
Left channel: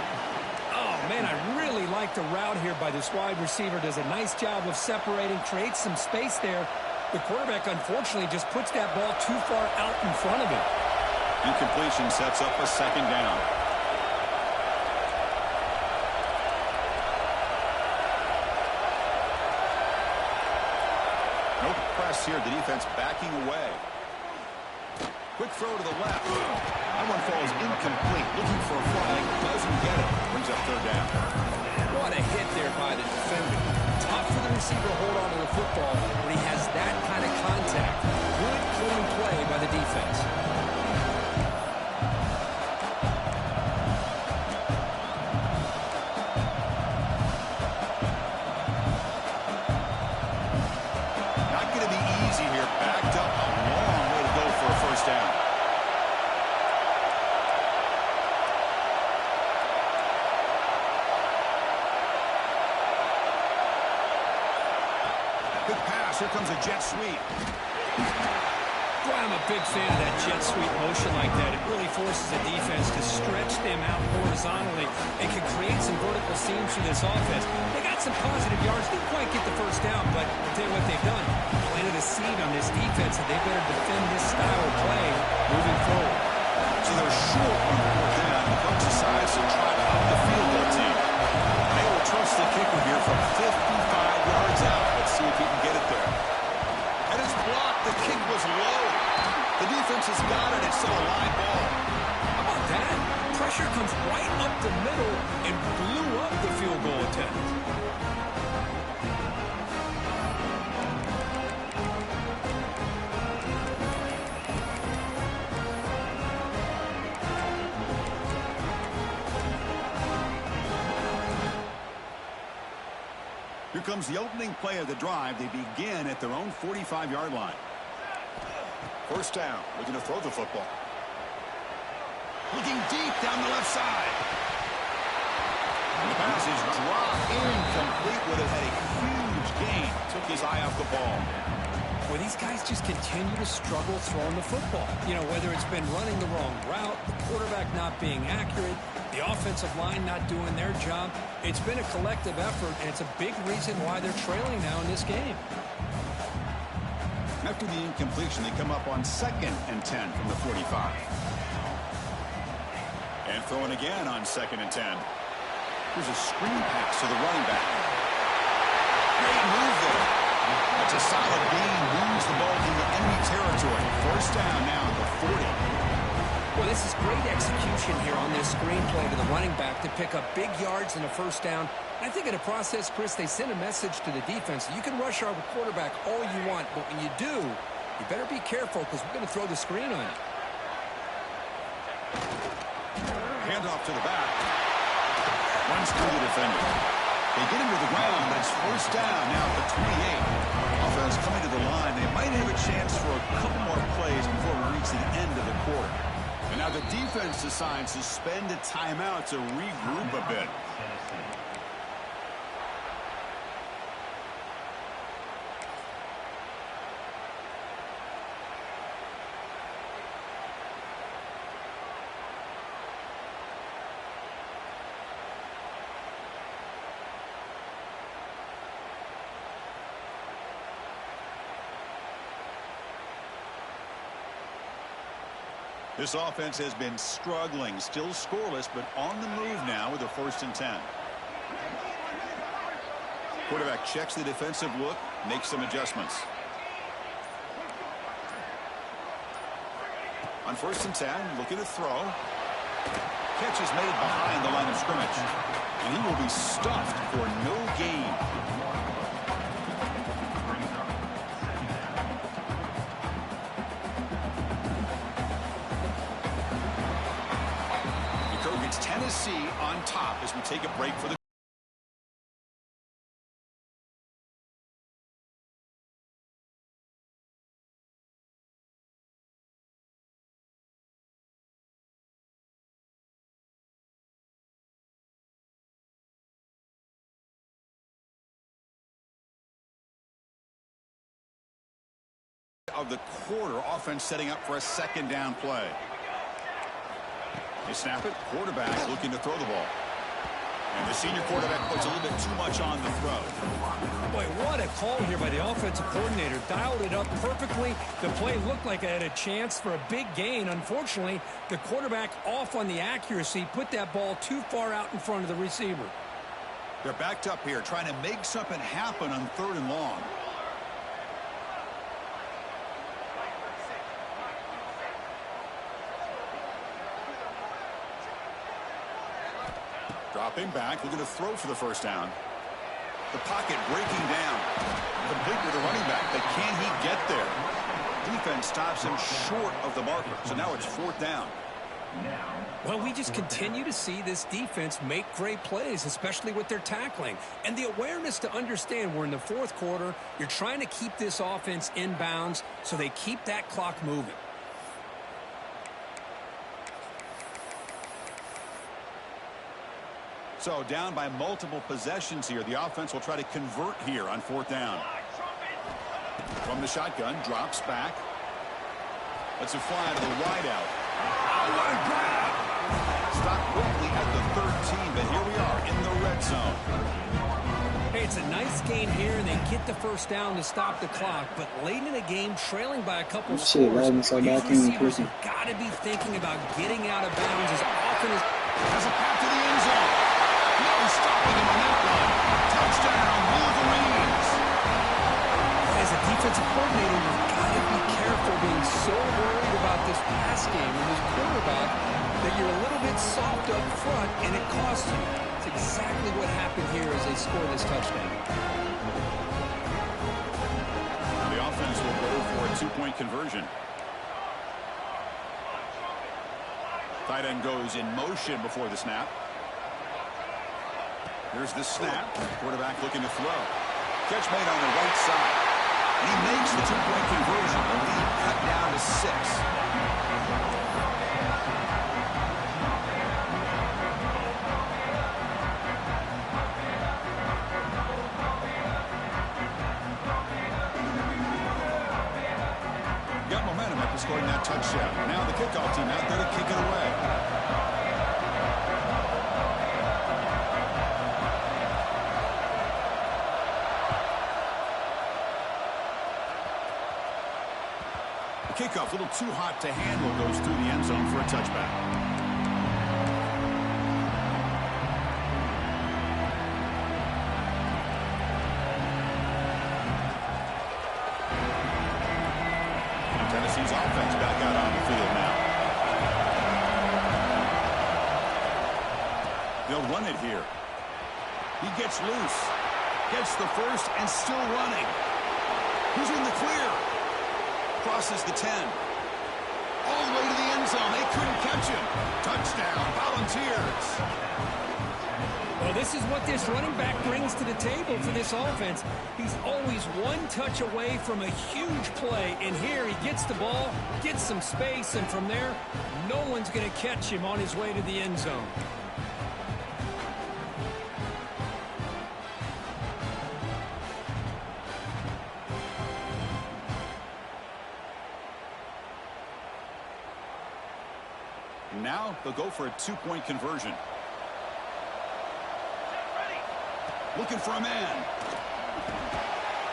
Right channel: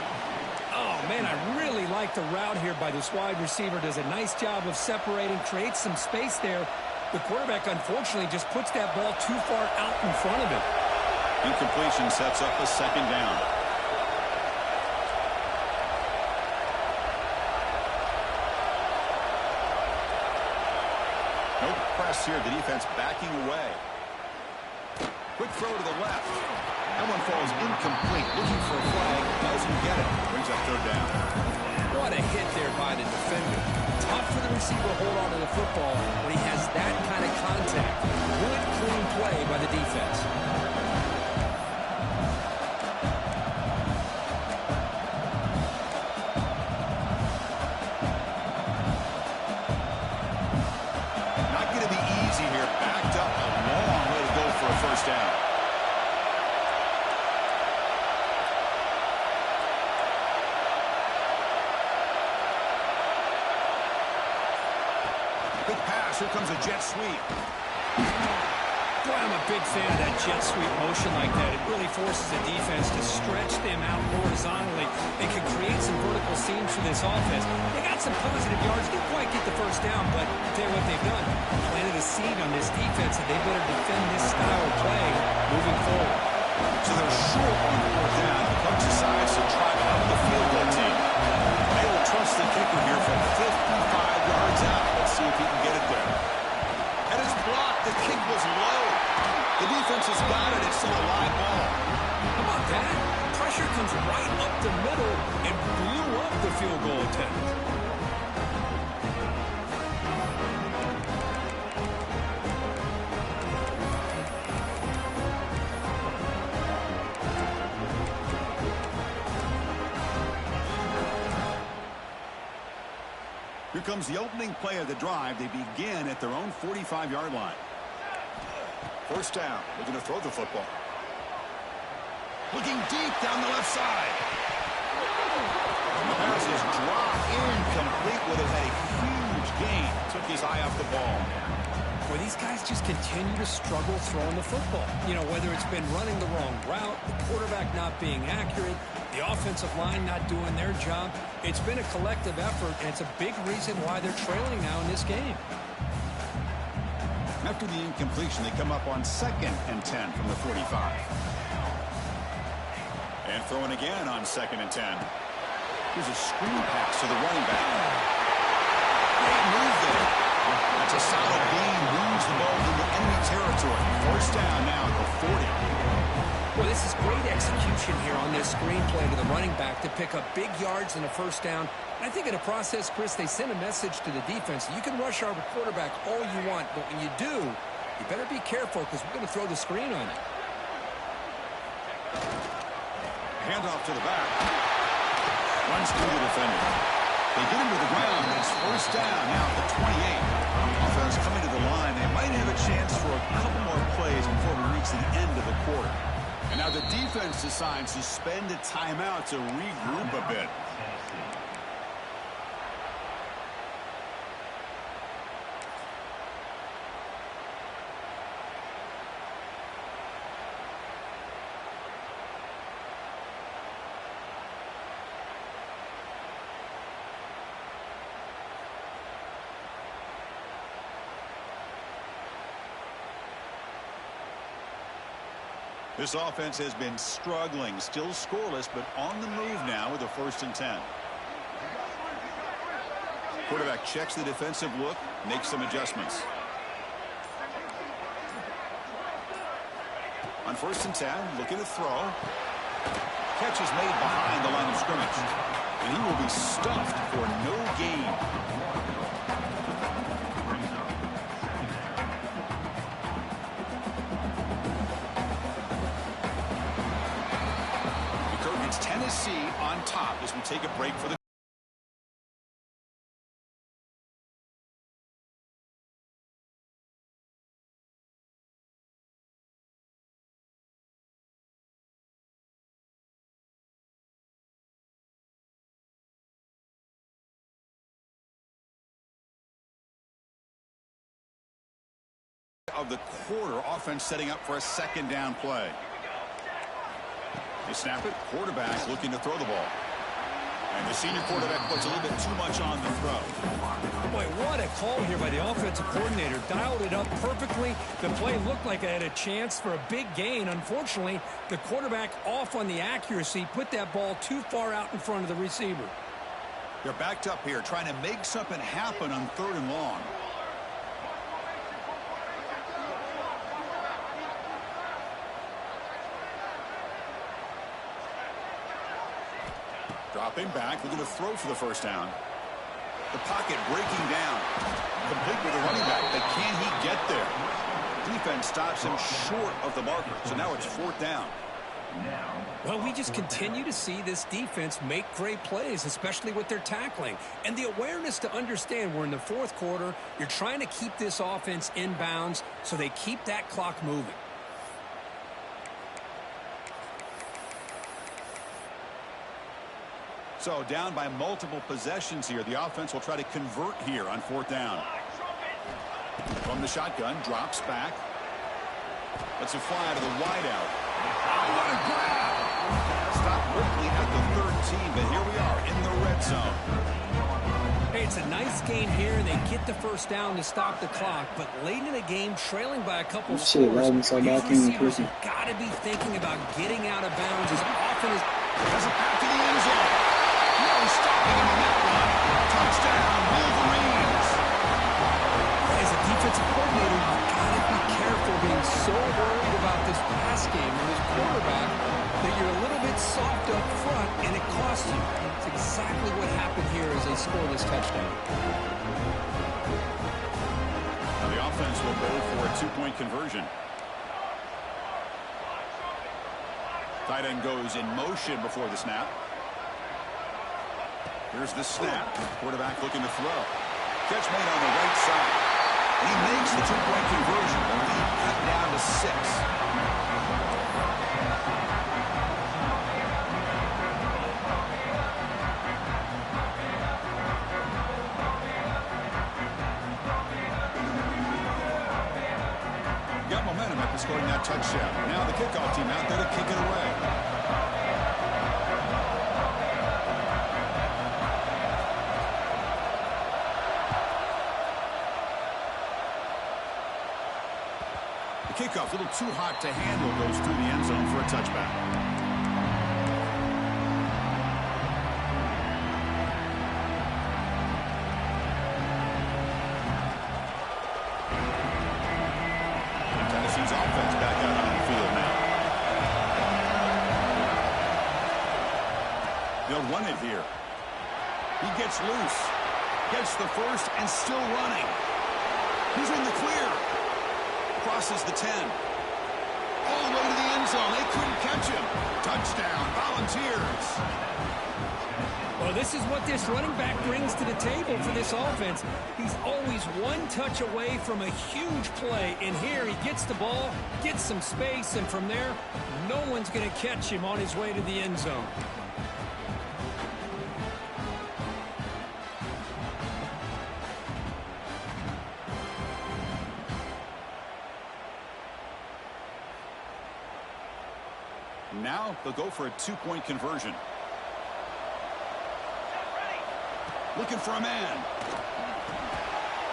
Oh, man, I really like the route here by this wide receiver. Does a nice job of separating, creates some space there. The quarterback, unfortunately, just puts that ball too far out in front of him. Incompletion sets up a second down. No press here. The defense backing away. Quick throw to the left. That one falls incomplete. Looking for a flag. Doesn't get it. Brings up third down. What a hit there by the defender. Tough for the receiver to hold on to the football when he has that kind of contact. Good, clean play by the defense. Here, backed up a long way to go for a first down. Big pass. Here comes a jet sweep. Boy, I'm a big fan of that jet sweep motion like that. It really forces the defense to stretch them out horizontally and can create some vertical seams for this offense. They got some positive yards. Didn't quite get the first down, but I'll tell you what they've done. Planted a seed on this defense that they better defend this style of play moving forward. So they're short on 4th down. The coach decides to try out the field goal team. They will trust the kicker here from 55 yards out. Let's see if he can get it there. And it's blocked. The kick was low. The defense has got it. It's still a live ball. How about that? Pressure comes right up the middle and blew up the field goal attempt. Here comes the opening play of the drive. They begin at their own 45-yard line. 1st down, looking to throw the football. Looking deep down the left side. And the pass is dropped incomplete. Would have had a huge gain. Took his eye off the ball. Well, these guys just continue to struggle throwing the football. You know, whether it's been running the wrong route, the quarterback not being accurate, the offensive line not doing their job. It's been a collective effort, and it's a big reason why they're trailing now in this game. After the incompletion, they come up on 2nd and 10 from the 45. And throwing again on 2nd and 10. Here's a screen pass to the running back. Great move there. That's a solid gain. Moves the ball into enemy territory. 1st down now at the 40. Well, this is great execution here on this screen play to the running back to pick up big yards in the 1st down. I think in the process, Chris, they send a message to the defense. You can rush our quarterback all you want, but when you do, you better be careful because we're going to throw the screen on you. Handoff to the back. Runs through the defender. They get him to the ground, but it's 1st down now at the 28. Offense coming to the line. They might have a chance for a couple more plays before we reach the end of the quarter. And now the defense decides to spend a timeout to regroup a bit. This offense has been struggling, still scoreless, but on the move now with a 1st and 10. Quarterback checks the defensive look, makes some adjustments. On 1st and 10, looking to throw. Catch is made behind the line of scrimmage. And he will be stuffed for no gain. It's Tennessee on top as we take a break for the of the quarter. Offense setting up for a 2nd down play. They snap it. Quarterback looking to throw the ball. And the senior quarterback puts a little bit too much on the throw. Boy, what a call here by the offensive coordinator. Dialed it up perfectly. The play looked like it had a chance for a big gain. Unfortunately, the quarterback off on the accuracy, put that ball too far out in front of the receiver. They're backed up here trying to make something happen on 3rd and long. Dropping back, looking to throw for the 1st down. The pocket breaking down. Complete with the running back, but can he get there? Defense stops him short of the marker, so now it's 4th down. Well, we just continue to see this defense make great plays, especially with their tackling. And the awareness to understand we're in the 4th quarter, you're trying to keep this offense in bounds so they keep that clock moving. So down by multiple possessions here. The offense will try to convert here on 4th down. From the shotgun, drops back. Let's a fly to the wideout. Oh, what a grab! Stopped quickly at the 13, but here we are in the red zone. Hey, it's a nice gain here, and they get the first down to stop the clock. But late in the game, trailing by a couple of scores, these receivers have got to be thinking about getting out of bounds as often as... Has a path to the end zone. No stopping him on that one. Touchdown, Wolverines. As a defensive coordinator, you've got to be careful being so worried about this pass game and this quarterback that you're a little bit soft up front, and it costs you. It's exactly what happened here as they score this touchdown. Now the offense will go for a two-point conversion. Tight end goes in motion before the snap. Here's the snap. Quarterback looking to throw. Catch made on the right side. And he makes the two-point conversion. The lead cut down to 6. Got momentum after scoring that touchdown. Now the kickoff team out there to kick it away. The kickoff, a little too hot to handle, goes through the end zone for a touchback. Tennessee's offense back out on the field now. They'll run it here. He gets loose. Gets the first and still running. He's in the clear. Crosses the 10. All the way to the end zone. They couldn't catch him. Touchdown, Volunteers. Well, this is what this running back brings to the table for this offense. He's always one touch away from a huge play. And here he gets the ball, gets some space, and from there, no one's going to catch him on his way to the end zone. Now they'll go for a two-point conversion. Looking for a man.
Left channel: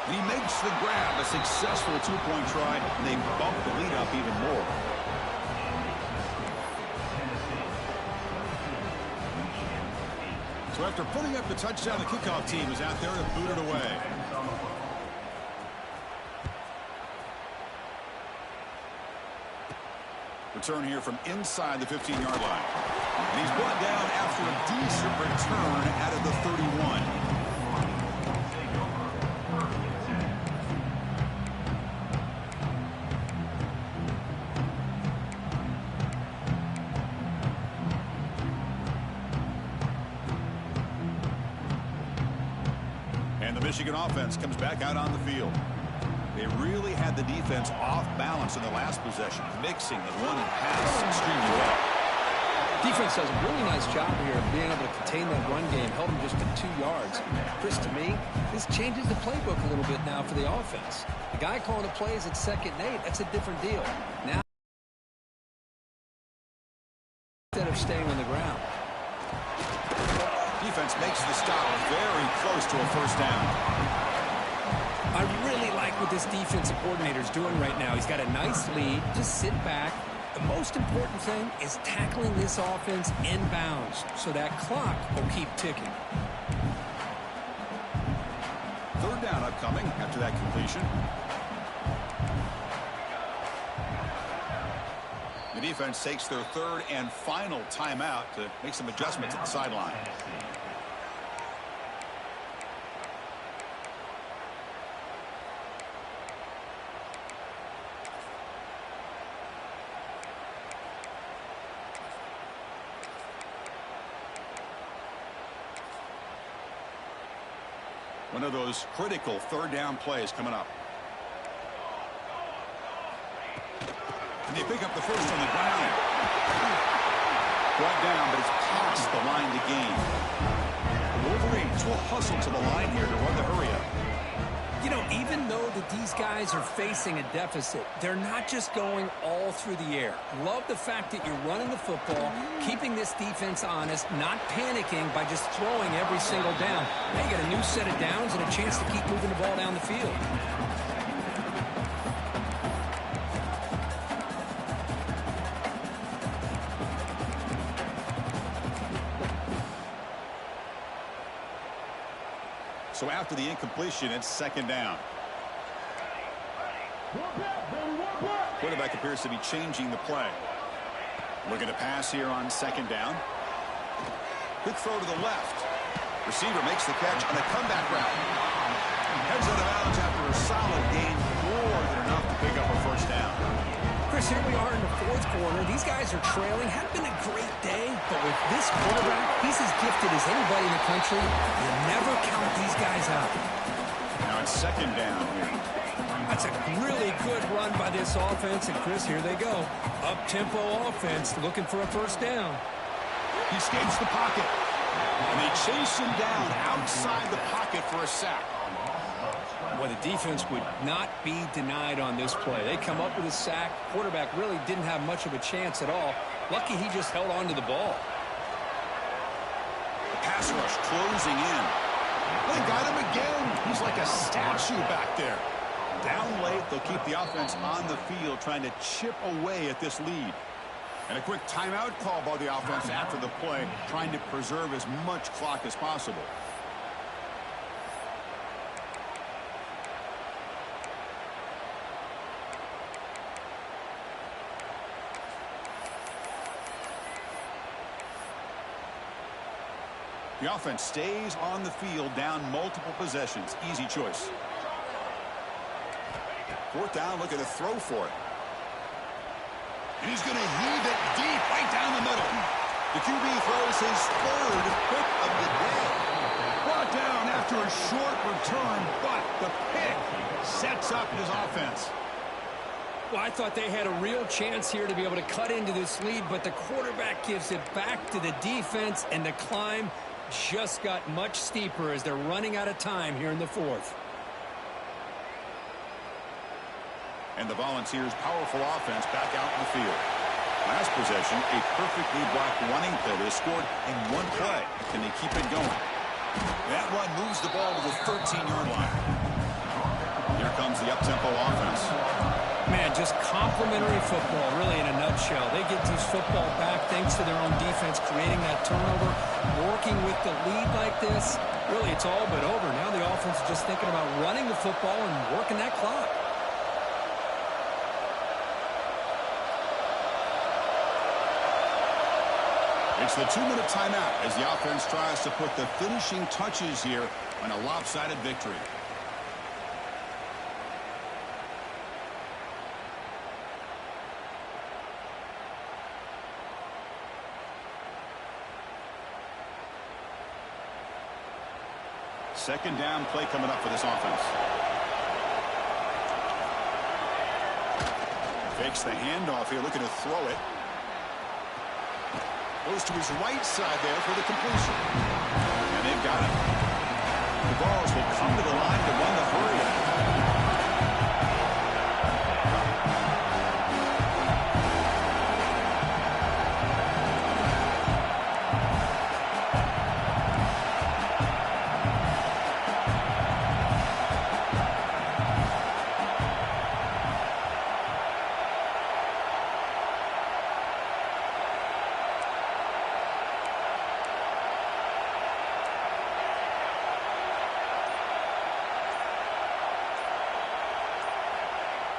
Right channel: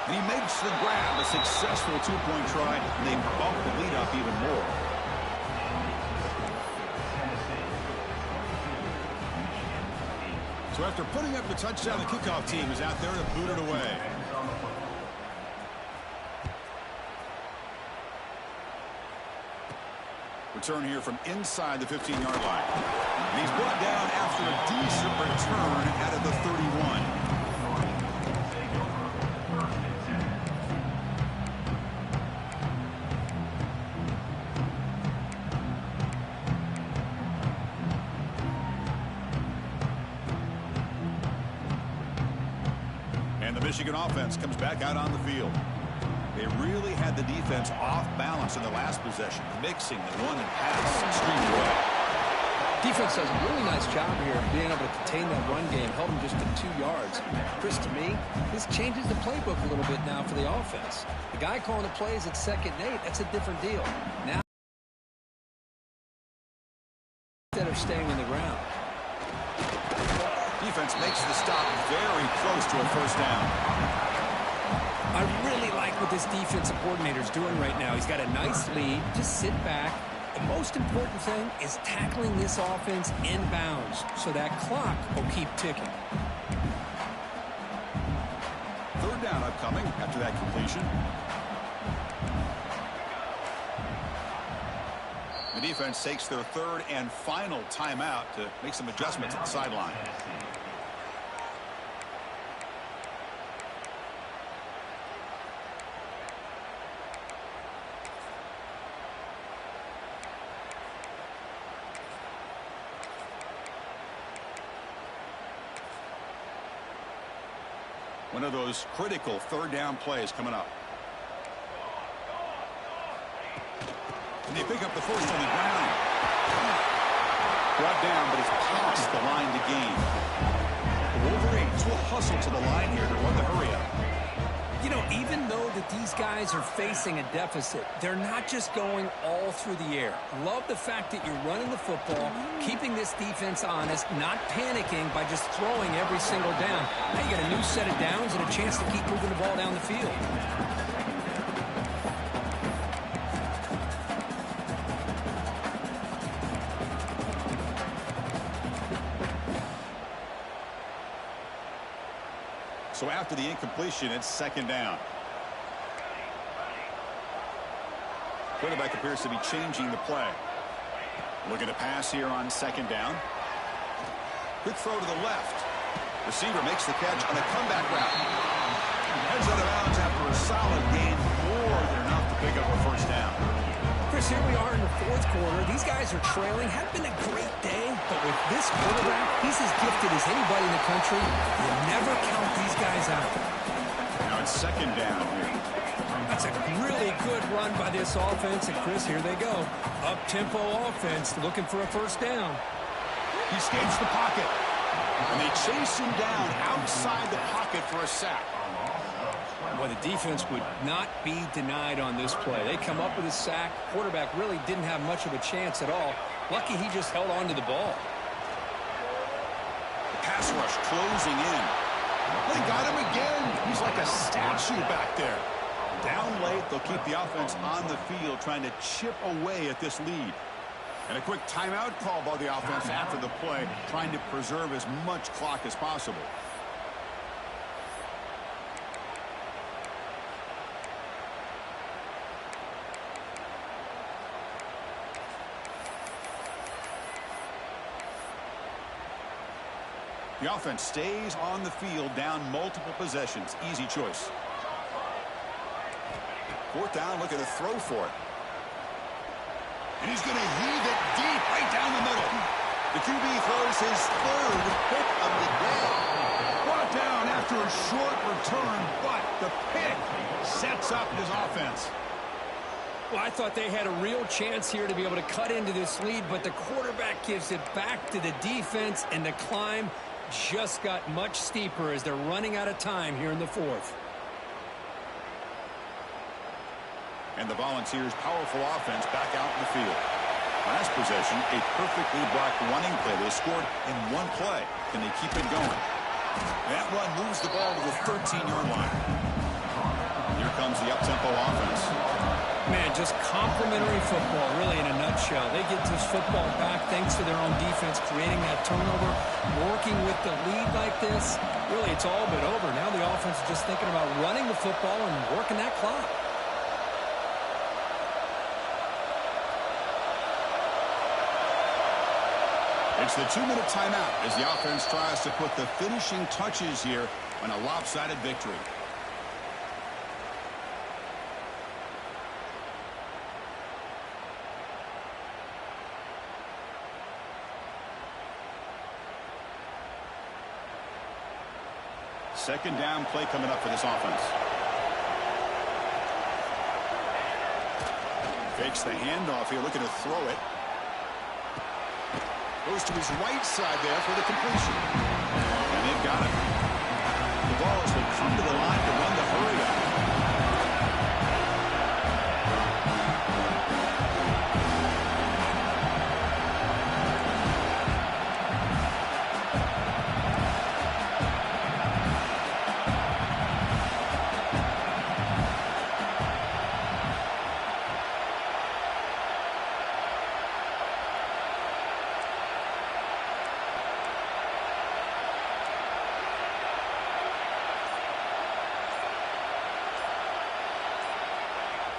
And he makes the grab, a successful two-point try, and they bump the lead up even more. So after putting up the touchdown, the kickoff team is out there to boot it away. Return here from inside the 15-yard line. And he's brought down after a decent return out of the 31. And the Michigan offense comes back out on the field. They really had the defense off balance in the last possession, mixing the run and pass extremely well. Defense does a really nice job here of being able to contain that run game, held them just to 2 yards. Chris, to me, this changes the playbook a little bit now for the offense. The guy calling the plays at 2nd and 8, that's a different deal. Now, instead of staying on the ground. Defense makes the stop very close to a first down. I really like what this defensive coordinator is doing right now. He's got a nice lead. Just sit back. The most important thing is tackling this offense in bounds so that clock will keep ticking. 3rd down upcoming after that completion. The defense takes their 3rd and final timeout to make some adjustments at the sideline. One of those critical 3rd down plays coming up. And they pick up the first on the ground. Brought down, but it's past the line to gain. The Wolverines will hustle to the line here to run the hurry up. You know, even though that these guys are facing a deficit, they're not just going all through the air. Love the fact that you're running the football, keeping this defense honest, not panicking by just throwing every single down. Now you got a new set of downs and a chance to keep moving the ball down the field. So after the incompletion, it's second down. Quarterback appears to be changing the play. Looking to pass here on second down. Quick throw to the left. Receiver makes the catch on a comeback route. Heads out of bounds after a solid gain, more than enough to pick up a first down. Chris, here we are in the fourth quarter. These guys are trailing. Had been a great day, but with this quarterback, he's as gifted as anybody in the country. You never count these guys out. Now it's second down here. That's a really good run by this offense, and Chris, here they go. Up-tempo offense looking for a first down. He escapes the pocket, and they chase him down outside the pocket for a sack. Well, the defense would not be denied on this play. They come up with a sack. Quarterback really didn't have much of a chance at all. Lucky he just held on to the ball. The pass rush closing in. They got him again. He's like a statue back there. Down late, they'll keep the offense on the field trying to chip away at this lead. And a quick timeout call by the offense after the play, trying to preserve as much clock as possible. The offense stays on the field, down multiple possessions. Easy choice. Fourth down, looking to throw for it. And he's going to heave it deep right down the middle. The QB throws his third pick of the day. Brought down after a short return, but the pick sets up his offense. Well, I thought they had a real chance here to be able to cut into this lead, but the quarterback gives it back to the defense, and the climb just got much steeper as they're running out of time here in the fourth. And the Volunteers' powerful offense back out in the field. Last possession, a perfectly blocked running play. They scored in one play. Can they keep it going? That run moves the ball to the 13-yard line. Here comes the up-tempo offense. Man, just complimentary football, really, in a nutshell. They get this football back thanks to their own defense, creating that turnover, working with the lead like this. Really, it's all but over. Now the offense is just thinking about running the football and working that clock. It's the 2-minute timeout as the offense tries to put the finishing touches here on a lopsided victory. Second down play coming up for this offense. Fakes the handoff here, looking to throw it. Goes to his right side there for the completion. And they've got him. The Vols will come to the line to run the hurry up.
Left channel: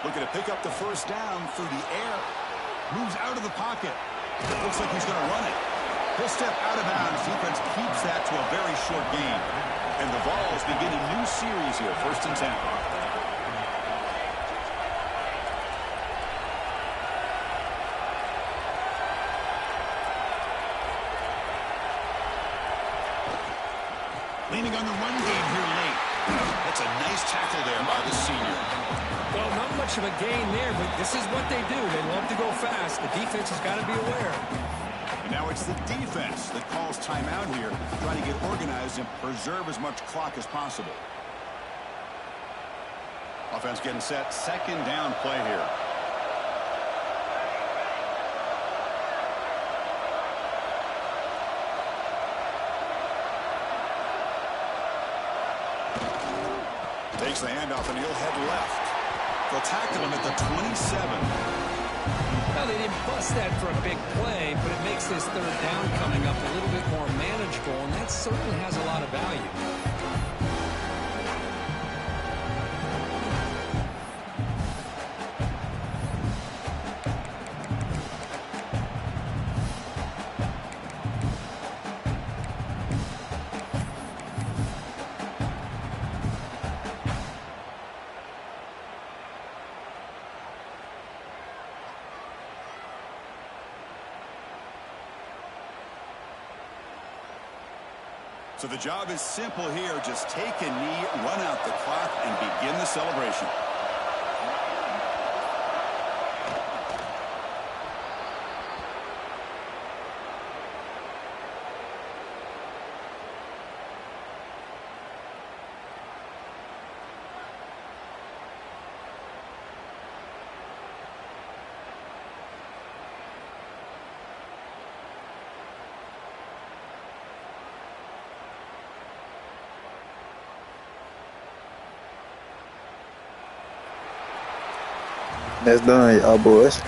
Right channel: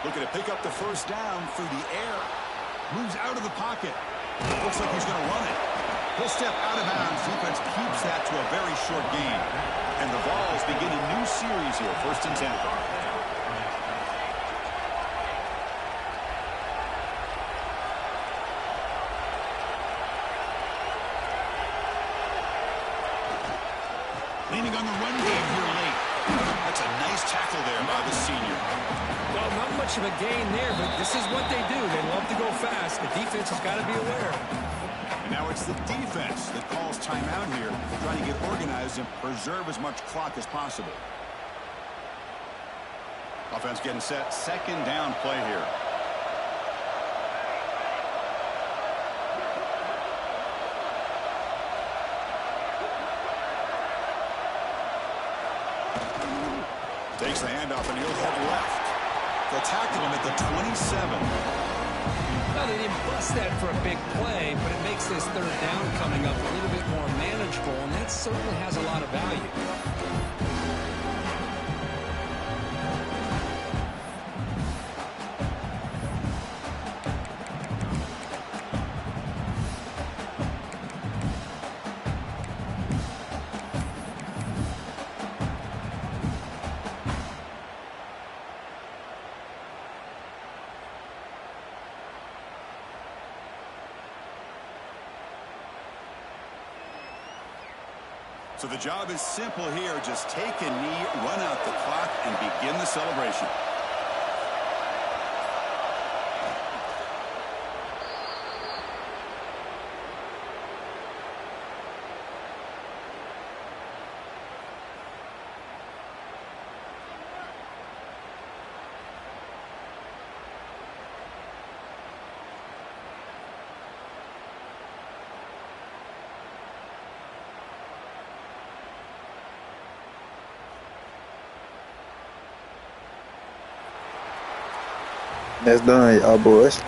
Looking to pick up the first down through the air. Moves out of the pocket. Looks like he's going to run it. He'll step out of bounds. Defense keeps that to a very short gain. And the Vols begin a new series here. 1st and 10. Leaning on the run game here late. That's a nice tackle there by the senior. Well, not much of a gain there, but this is what they do. They love to go fast. The defense has got to be aware. And now it's the defense that calls timeout here, trying to get organized and preserve as much clock as possible. Offense getting set. Second down play here. Takes the handoff, and he'll head left. They'll tackle him at the 27. Well, they didn't bust that for a big play, but it makes this third down coming up a little bit more manageable, and that certainly has a lot of value. So the job is simple here. Just take a knee, run out the clock, and begin the celebration. That's done, y'all boys.